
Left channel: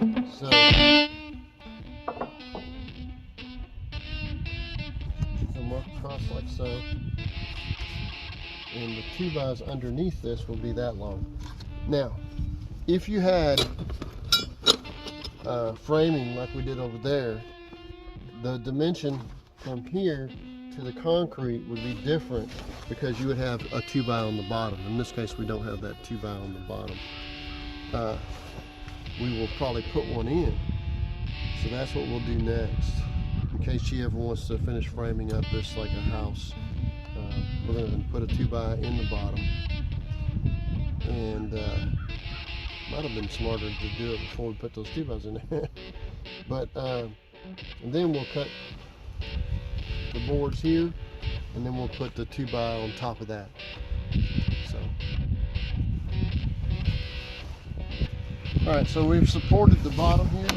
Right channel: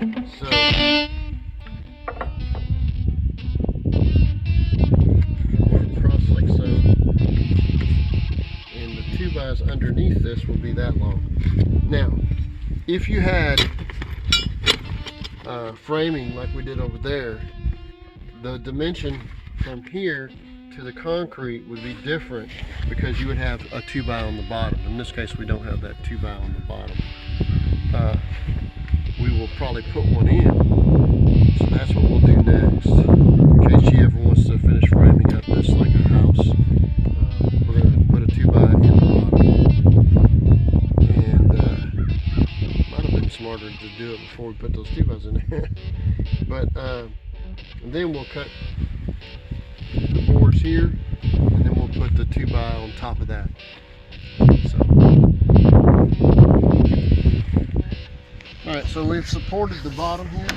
inches. So work across like so. And the 2x's underneath this will be that long. Now, if you had framing like we did over there, the dimension from here to the concrete would be different because you would have a 2x on the bottom. In this case, we don't have that 2x on the bottom. We will probably put one in. So that's what we'll do next. In case she ever wants to finish framing up this like a house, we're going to put a 2x in the bottom. And might have been smarter to do it before we put those 2x's in there. But and then we'll cut the boards here, and then we'll put the 2x on top of that. So, all right, so we've supported the bottom here.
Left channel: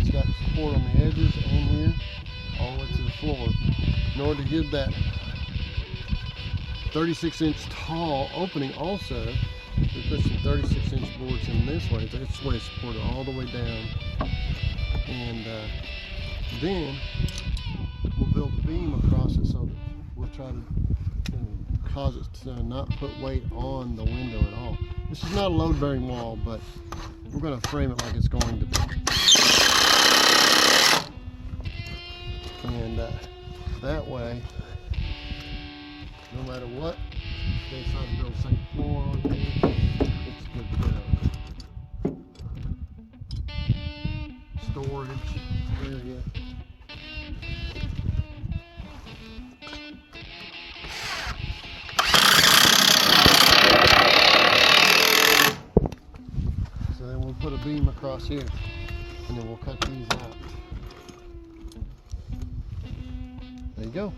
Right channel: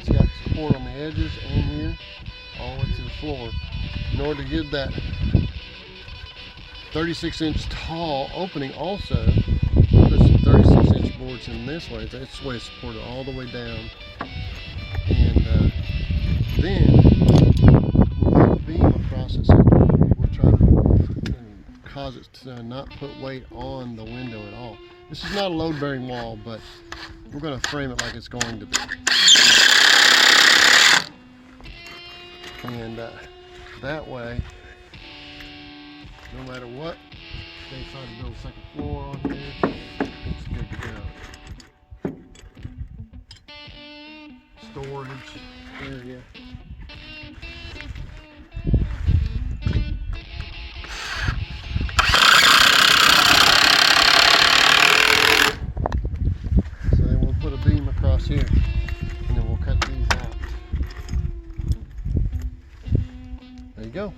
It's got support on the edges and here, all the way to the floor. In order to give that 36-inch tall opening also, we'll put some 36-inch boards in this way. This way it's supported all the way down. And then we'll put a beam across it, so we'll try to cause it to not put weight on the window at all. This is not a load-bearing wall, but we're going to frame it like it's going to be. And that way, no matter what, they decide to build a second floor on here, it's good to go. Storage area. So then we'll put a beam across here, and then we'll cut these out. There you go.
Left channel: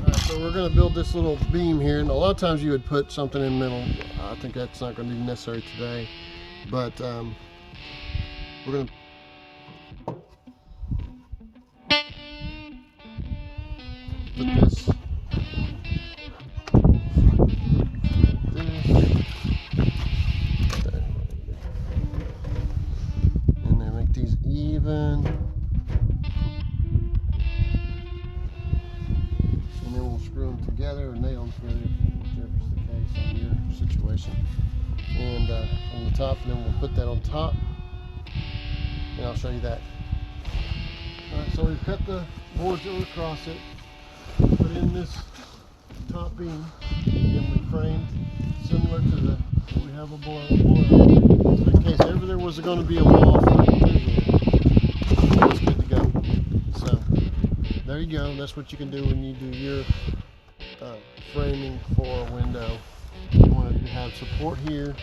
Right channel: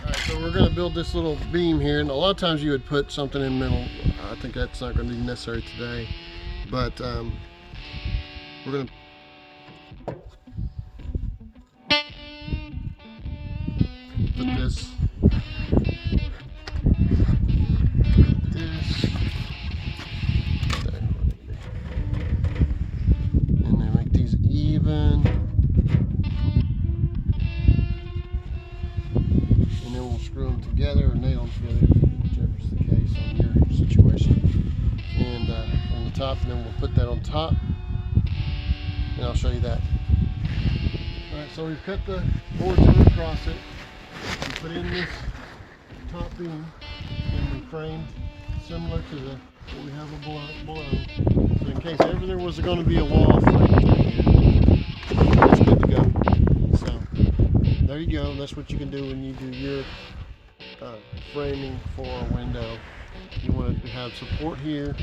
Alright, so we're going to build this little beam here, and a lot of times you would put something in the middle. I think that's not going to be necessary today, but we're going to put this and then make these even, and then we'll screw them together or nail them together, whichever's the case on your situation. And on the top, and then we'll put that on top, and I'll show you that. Alright, so we've cut the boards across it, put in this top beam, and then we framed similar to the what we have below. So in case ever there was going to be a wall, it's good to go. So there you go. That's what you can do when you do your framing for a window. You want to have support here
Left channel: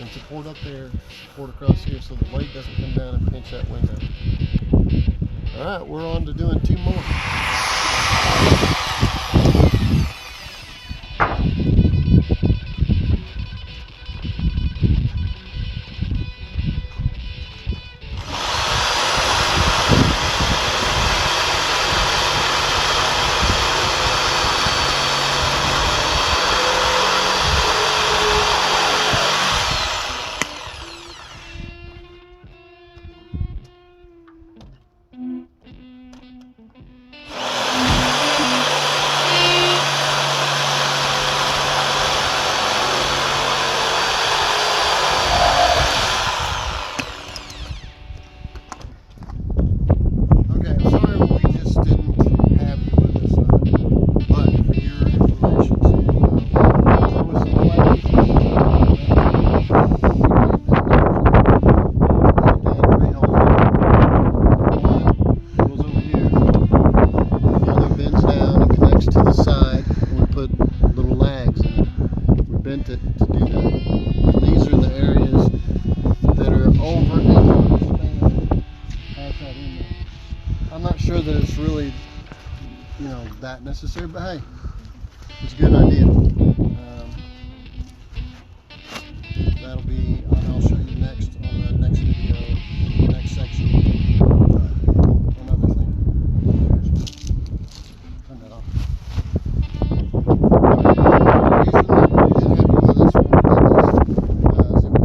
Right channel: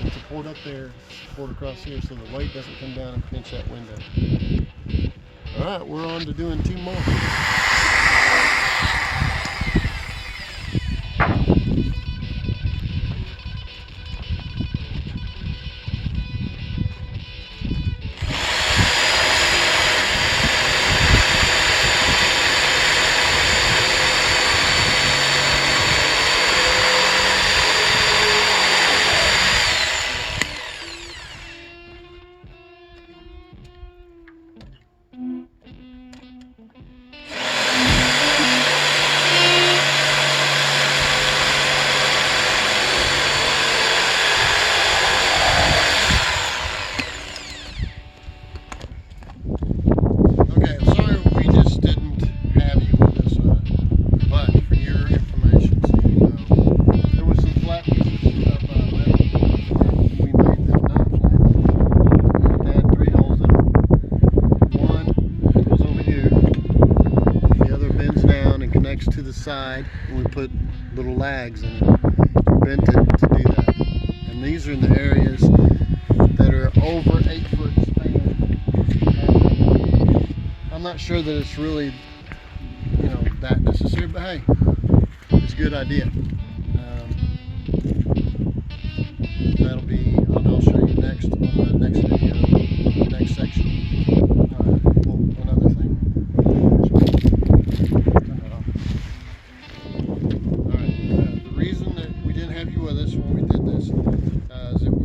and support up there, support across here, so the weight doesn't come down and pinch that window. Alright, we're on to doing 2 more. Sure that it's really, that necessary, but hey, it's a good idea. That'll be, I'll show you next on the next video, next Another thing. Turn that off. The reason that we didn't have you with us when we did this is that we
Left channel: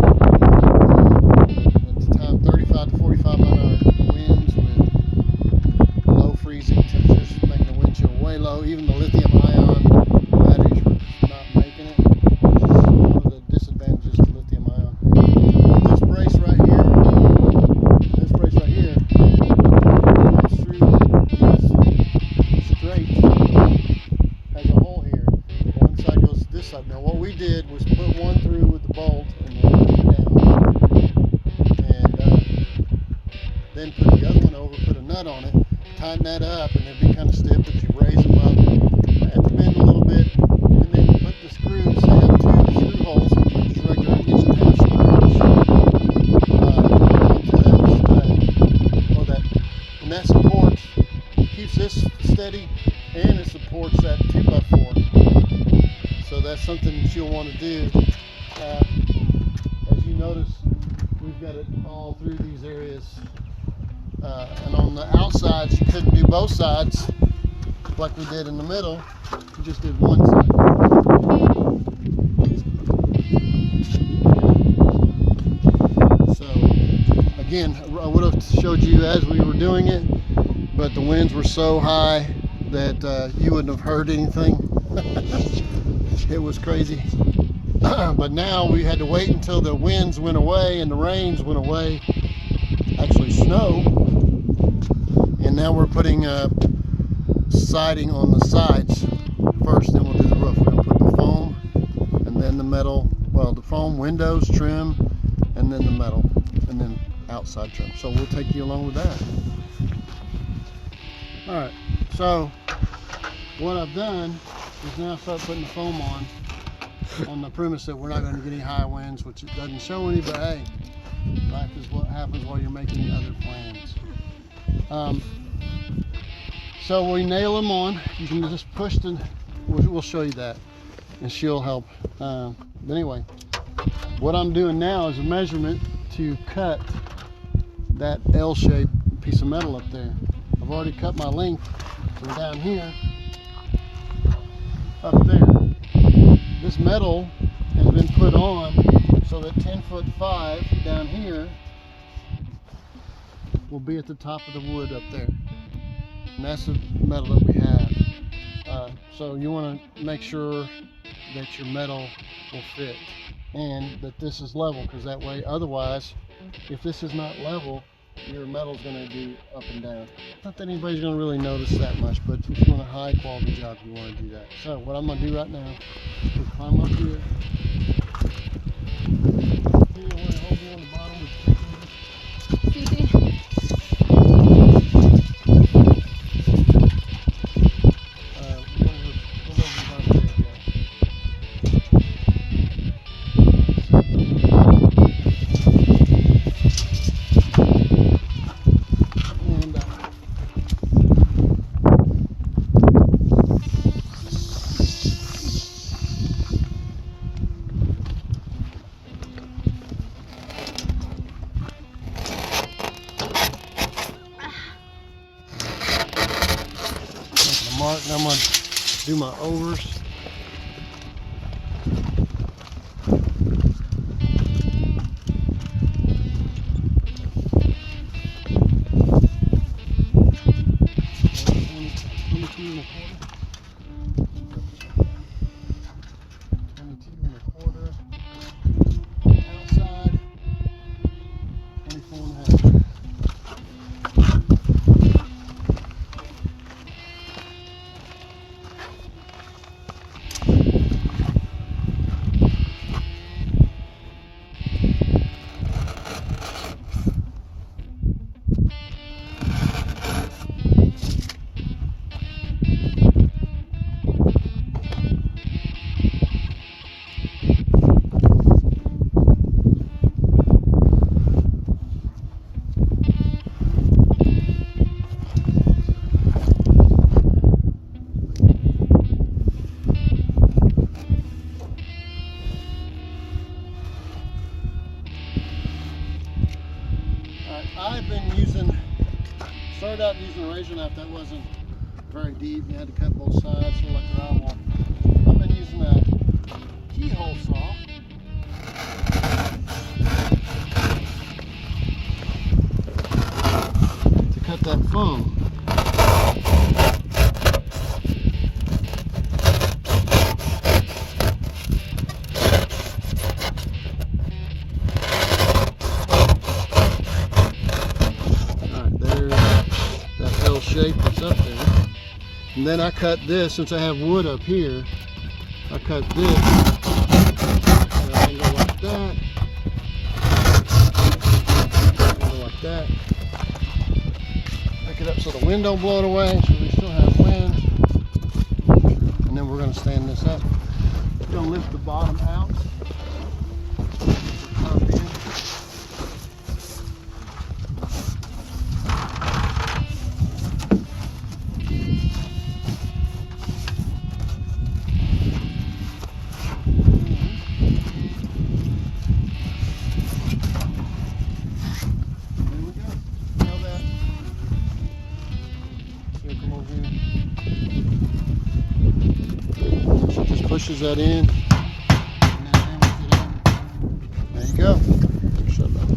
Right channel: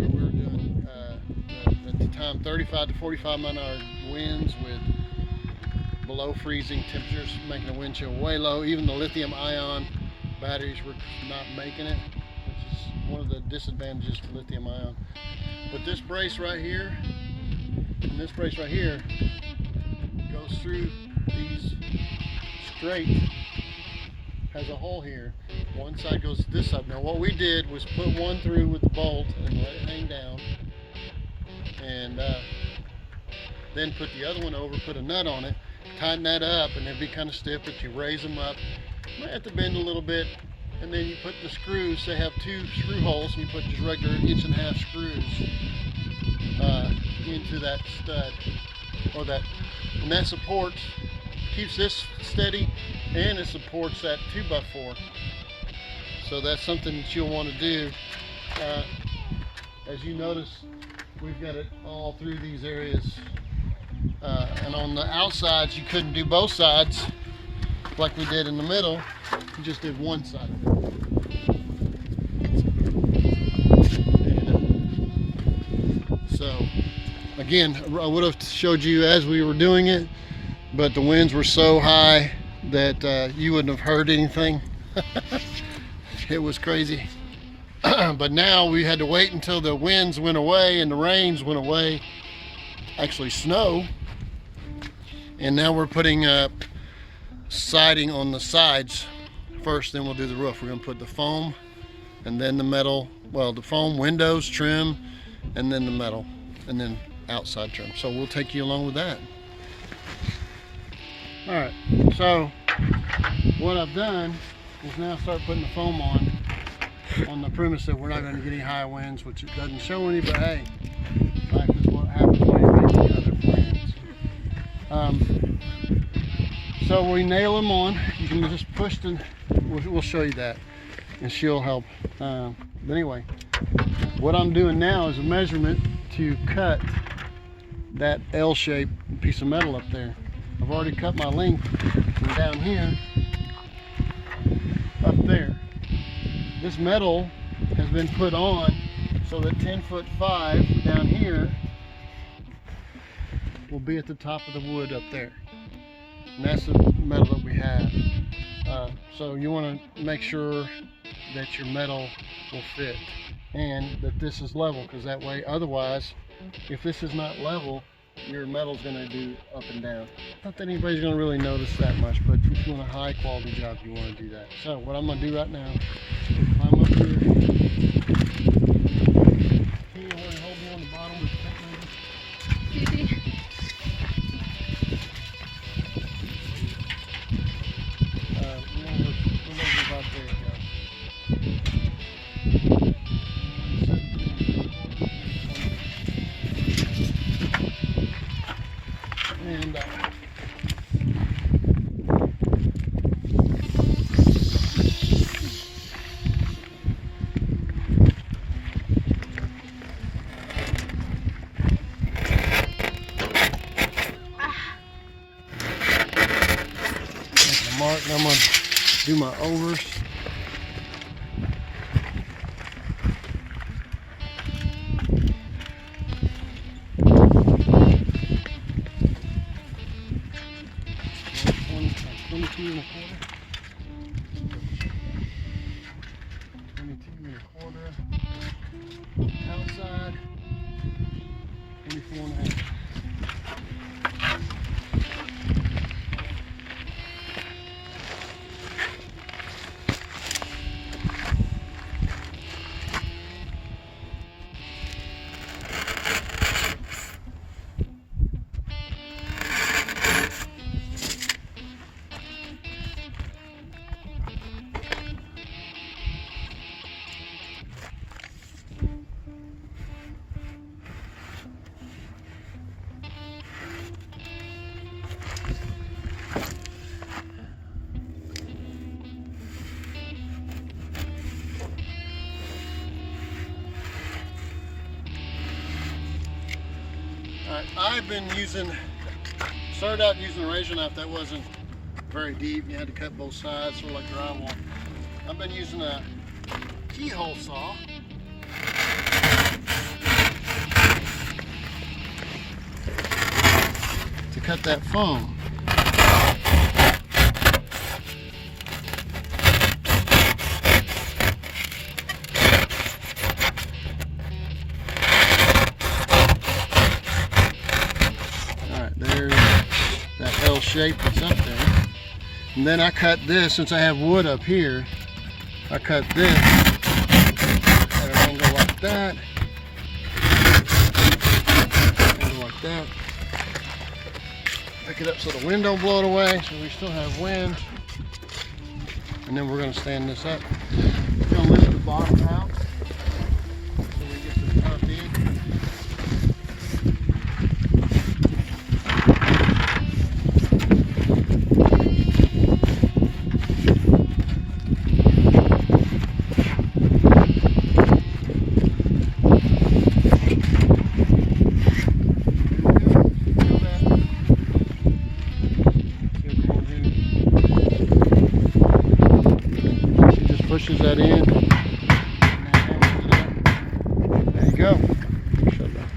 were at the time 35 to 45 mile an hour winds with below freezing temperatures, making the wind chill way low. Even the lithium ion batteries were not making it, which is one of the disadvantages to lithium ion. But this brace right here goes through these straight, has a hole here. One side goes to this side. Now what we did was put one through with the bolt and let it hang down, and then put the other one over, put a nut on it, tighten that up, and it'd be kind of stiff, but you raise them up, have to bend a little bit, and then you put the screws. They have 2 screw holes, you put just regular 1.5-inch screws into that stud, or that, and that supports, keeps this steady, and it supports that 2x4. So that's something that you'll want to do. As you notice, we've got it all through these areas. And on the outsides, you couldn't do both sides like we did in the middle. You just did one side. So again, I would have showed you as we were doing it, but the winds were so high that you wouldn't have heard anything. It was crazy. But now we had to wait until the winds went away and the rains went away, actually snow. And now we're putting siding on the sides first, then we'll do the roof. We're gonna put the foam and then the metal, well, the foam, windows, trim, and then the metal, and then outside trim. So we'll take you along with that. All right, so what I've done is now start putting the foam on the premise that we're not going to get any high winds, which it doesn't show any, but hey, life is what happens when you make the other plans. So we nail them on. You can just push them. We'll show you that, and she'll help. But anyway, what I'm doing now is a measurement to cut that L-shaped piece of metal up there. I've already cut my length from down here up there. This metal has been put on so that 10'5" down here will be at the top of the wood up there. And that's the metal that we have. So you want to make sure that your metal will fit and that this is level, because that way, otherwise, if this is not level, your metal's going to do up and down. Not that anybody's going to really notice that much, but if you want a high quality job, you want to do that. So what I'm going to do right now is climb up here. You want to hold me on the bottom with the mark, and I'm going to do my overs. Outside, 24.5. using a razor knife that wasn't very deep. You had to cut both sides, sort of like drywall. I've been using a keyhole saw. To cut that foam. Shape that's up there. And then I cut this, since I have wood up here, I cut this at an angle like that. Angle like that. Pick it up so the wind don't blow it away, so we still have wind. And then we're going to stand this up. We're going to lift the bottom out. Pushes that in. There you go. Shut that.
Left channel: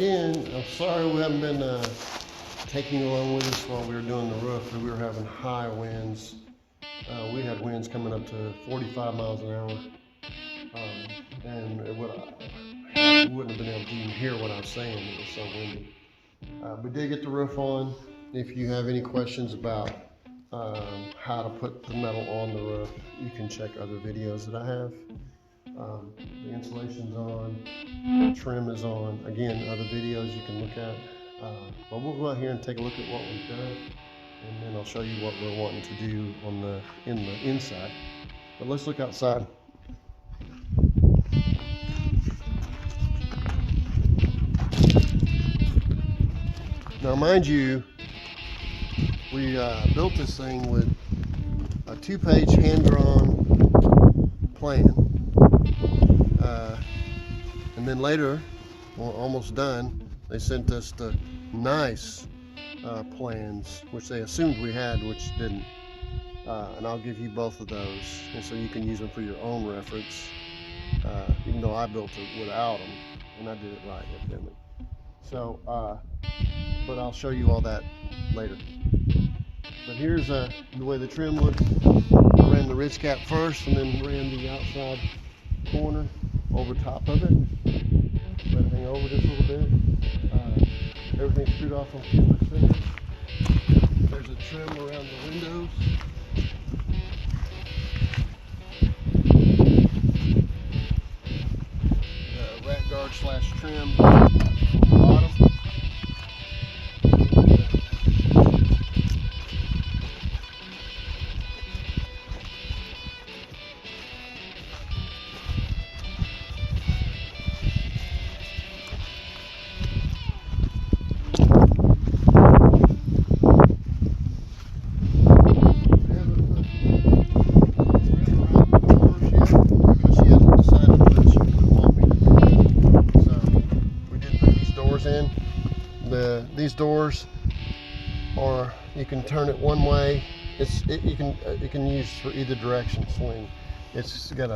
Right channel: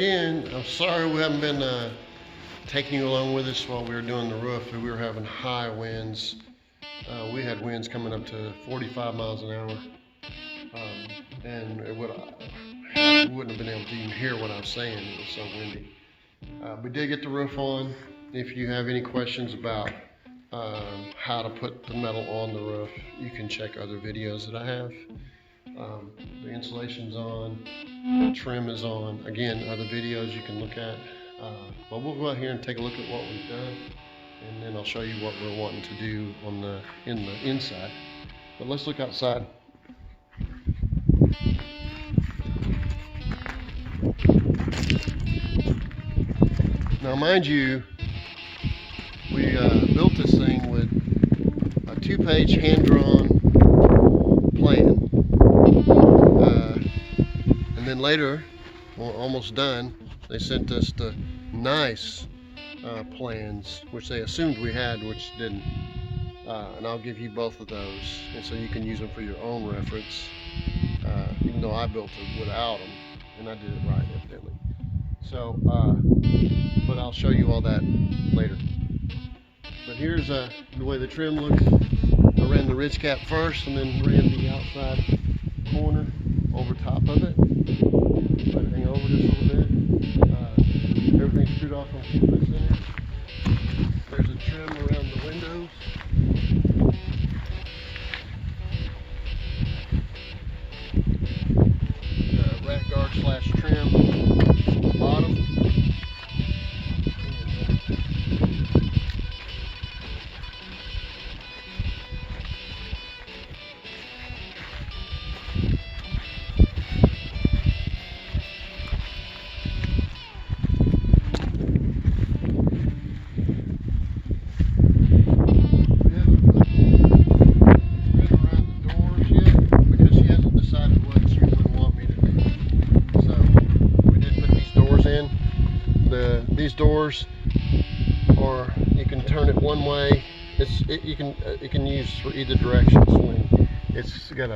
again, I'm sorry we haven't been taking you along with us while we were doing the roof. We were having high winds. We had winds coming up to 45 miles an hour. And we wouldn't have been able to even hear what I was saying. It was so windy. We did get the roof on. If you have any questions about how to put the metal on the roof, you can check other videos that I have. The insulation's on, the trim is on. Again, other videos you can look at. But we'll go out here and take a look at what we've done, and then I'll show you what we're wanting to do on the inside. But let's look outside. Now, mind you, we built this thing with a 2-page hand-drawn plan. And then later, well, almost done, they sent us the nice plans, which they assumed we had, which didn't. And I'll give you both of those, and so you can use them for your own reference, even though I built it without them, and I did it right, evidently. So, but I'll show you all that later. But here's the way the trim looks. I ran the ridge cap first, and then ran the outside corner over top of it. Let it hang over just a little bit. Everything's screwed off on Cullahnary center. There's a trim around the windows. Rat guard / trim on the bottom. These doors, or you can turn it one way. You can use for either direction swing. It's got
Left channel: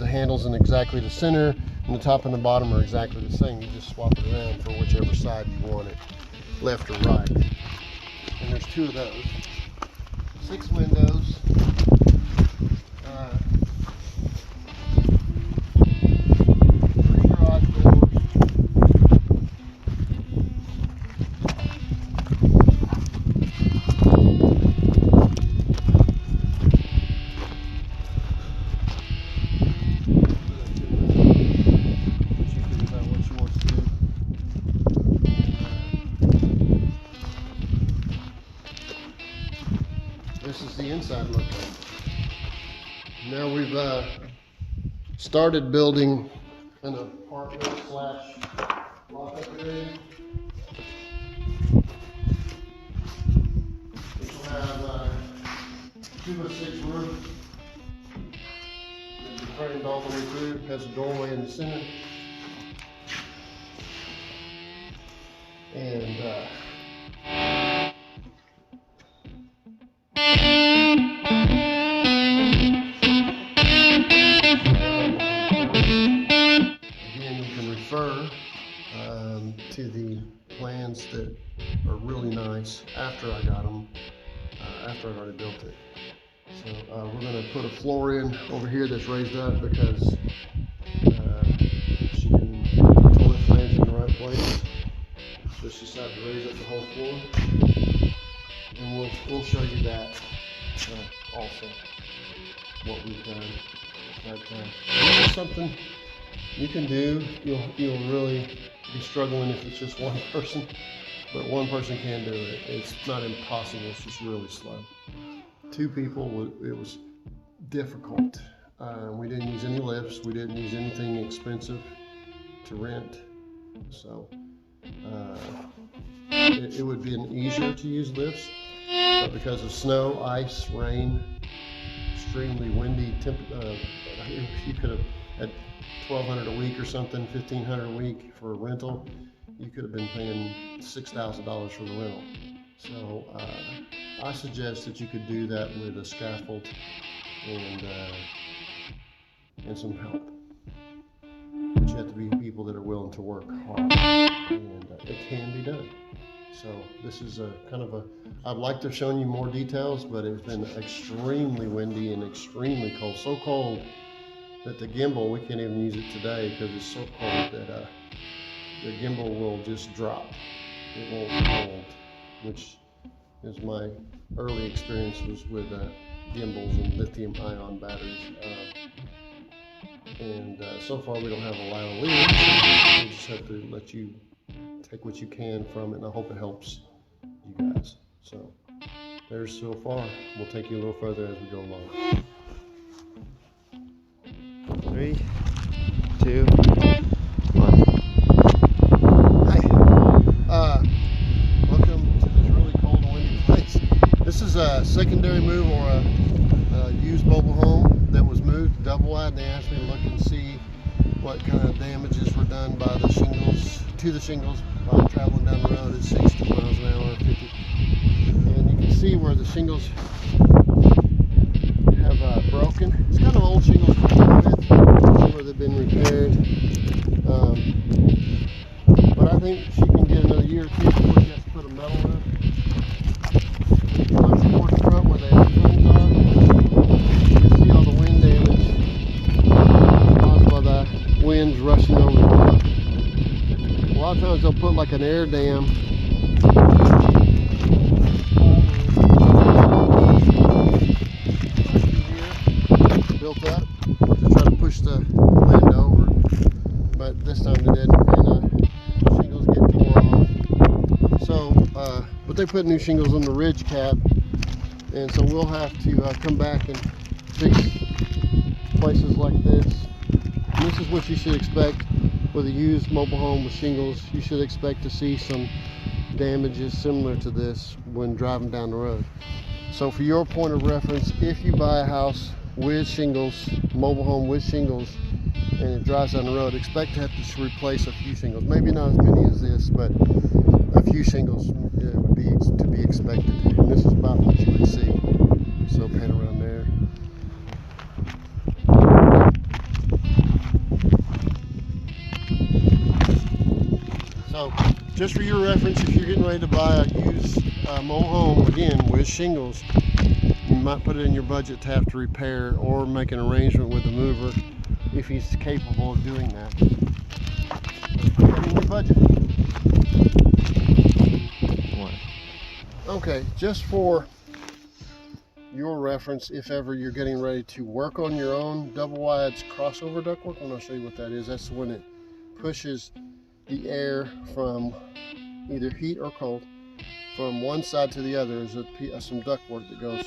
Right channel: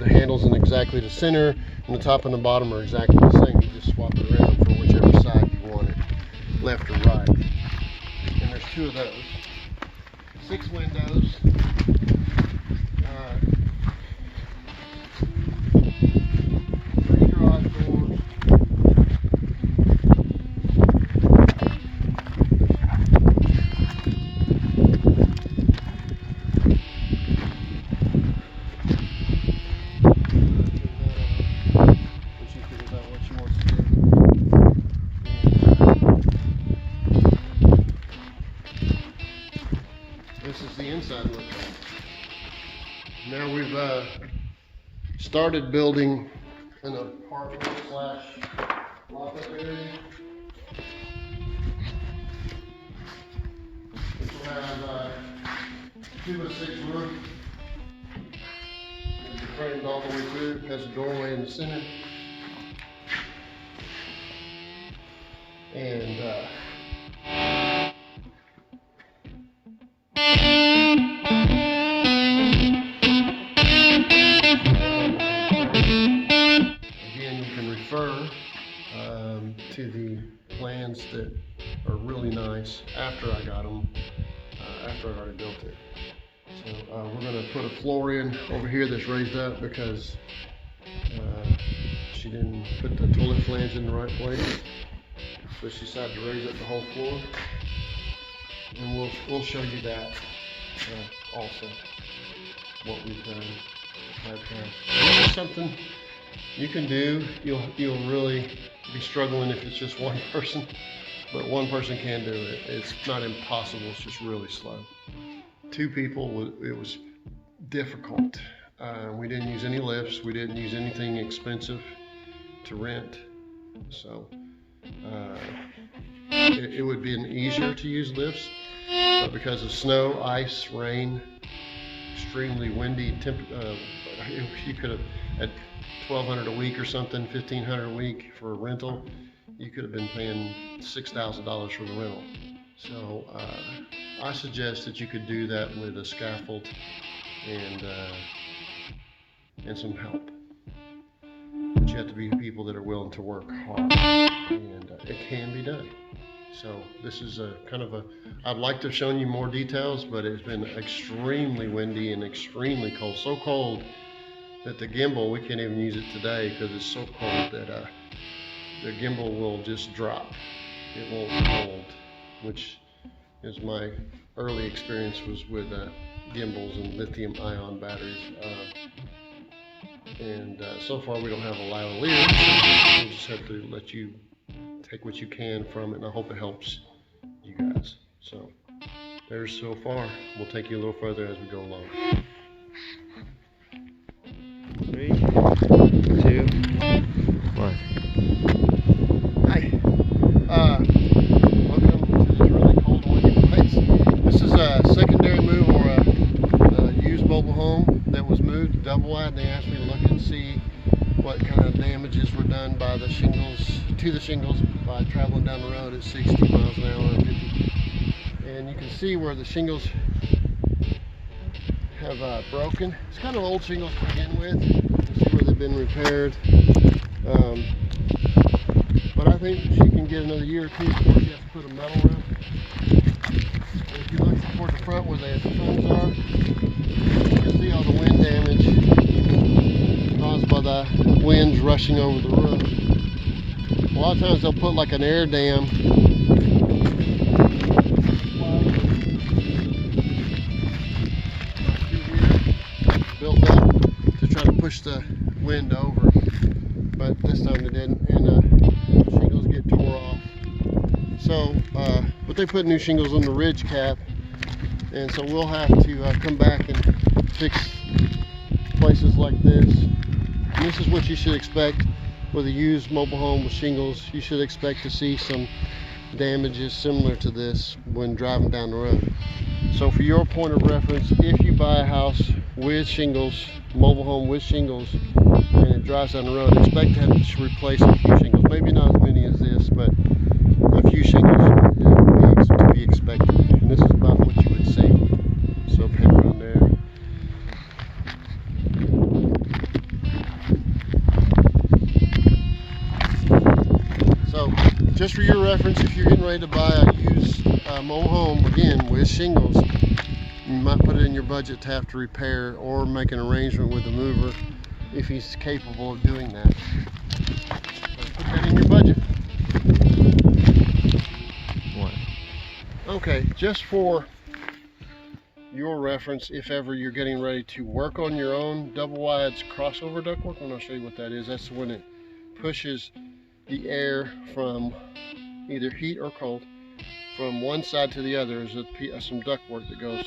the handles in exactly the center, and the top and the bottom are exactly the same. You just swap it around for whichever side you want it, left or right. And there's 2 of those. 6 windows. 3 garage doors. This is the inside look. Now we've started building an apartment / lock-up area. Which will have 2-by-6 roof. It'll be framed all the way through. It has a doorway in the center. And to the plans that are really nice after I got them, after I'd already built it. So we're going to put a floor in over here that's raised up because she didn't put the toilet flags in the right place. So she decided to raise up the whole floor. And we'll show you that also, what we've done. This is something you can do. You'll really be struggling if it's just one person, but one person can do it. It's not impossible, it's just really slow. 2 people, it was difficult. We didn't use any lifts, we didn't use anything expensive to rent, so it would be easier to use lifts, but because of snow, ice, rain, extremely windy, you could have at $1,200 a week or something, $1,500 a week for a rental, you could have been paying $6,000 for the rental. So I suggest that you could do that with a scaffold and some help. you have to be people that are willing to work hard, and it can be done. So this is a kind of a, I'd like to have shown you more details, but it's been extremely windy and extremely cold. So cold that the gimbal, we can't even use it today because it's so cold that the gimbal will just drop. It won't hold, which is my early experience was with gimbals and lithium ion batteries. So far we don't have a lavalier, so we'll just have to let you take what you can from it, and I hope it helps you guys. So there's so far. We'll take you a little further as we go along. 3, 2, 1. Hi. Welcome to this really cold and windy place. This is a secondary move or a used mobile home that was moved to double wide. They asked me to look and see what kind of damages were done by the shingles, to the shingles, by traveling down the road at 60 miles an hour and 50. And you can see where the shingles have broken. It's kind of old shingles to begin with, see where they've been repaired. But I think she can get another year or two before she has to put a metal roof. If you look towards the front where the homes are, you can see all the wind damage caused by the winds rushing over the roof. A lot of times they'll put like an air dam built up to try to push the wind over, but this time they didn't, and the shingles get tore off. So, but they put new shingles on the ridge cap, and so we'll have to come back and fix places like this. And this is what you should expect with a used mobile home with shingles. You should expect to see some damages similar to this when driving down the road. So for your point of reference, if you buy a house with shingles, mobile home with shingles, and it drives down the road, expect to have to replace a few shingles. Maybe not as many as this, but a few shingles to be expected. And this is about what you would see. So pan around there. So just for your reference, if you're getting ready to buy a used mobile home, again, with shingles, you might put it in your budget to have to repair or make an arrangement with the mover if he's capable of doing that. So put that in your budget. 1. Okay, just for your reference, if ever you're getting ready to work on your own double wide's crossover ductwork, and I'll show you what that is. That's when it pushes the air from either heat or cold from one side to the other. There's some ductwork that goes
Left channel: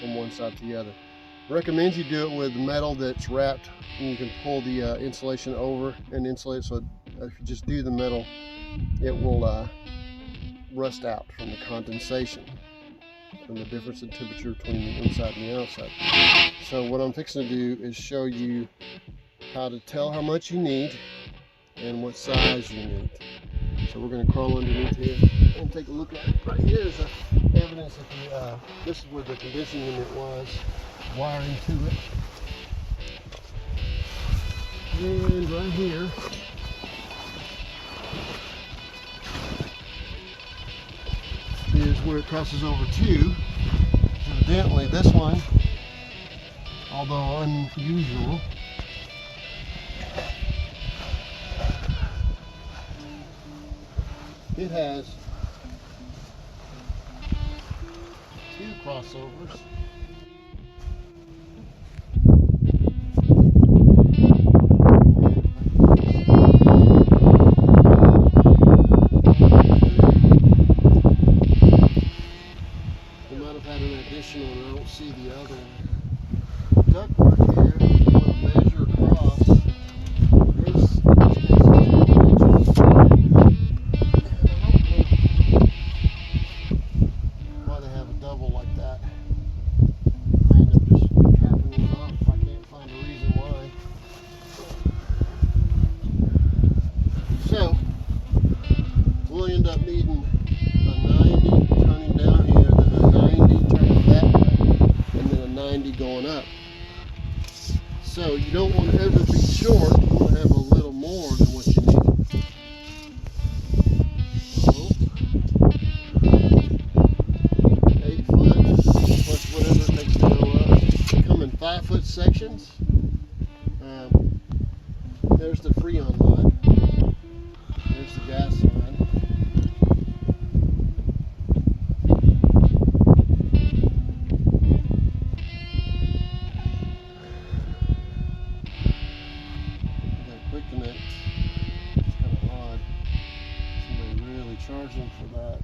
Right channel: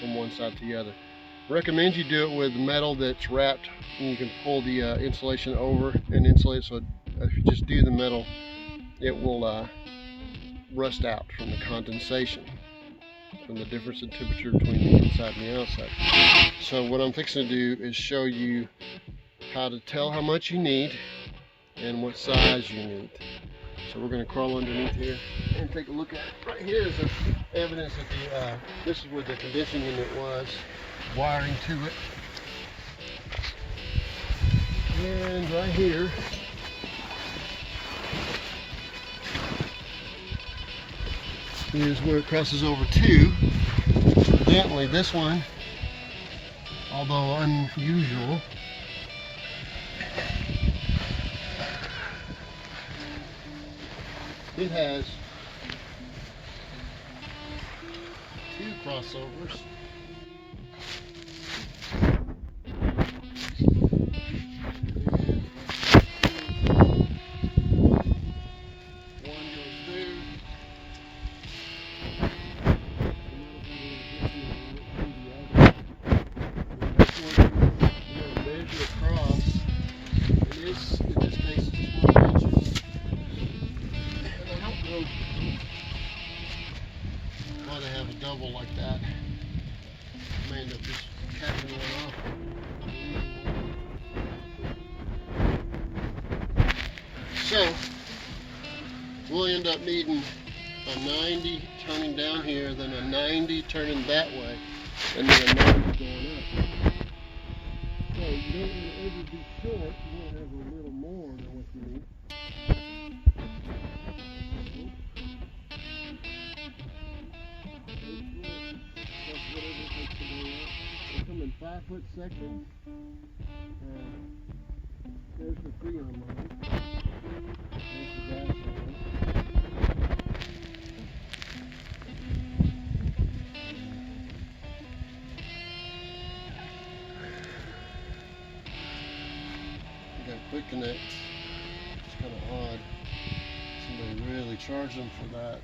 from one side to the other. I recommend you do it with metal that's wrapped, and you can pull the insulation over and insulate. So if you just do the metal, it will rust out from the condensation, from the difference in temperature between the inside and the outside. So what I'm fixing to do is show you how to tell how much you need and what size you need. So we're going to crawl underneath here and take a look at it. Right here is evidence that this is where the conditioning unit was, wiring to it. And right here is where it crosses over to. Evidently this one, although unusual, it has 2 crossovers. So we'll end up needing a 90 turning down here, then a 90 turning that way, and then a 90 going up. So you don't want to ever be short. You want to have a little more there's the Freon line. There's the gas line. We got quick connect. It's kind of odd. Somebody really charged them for that.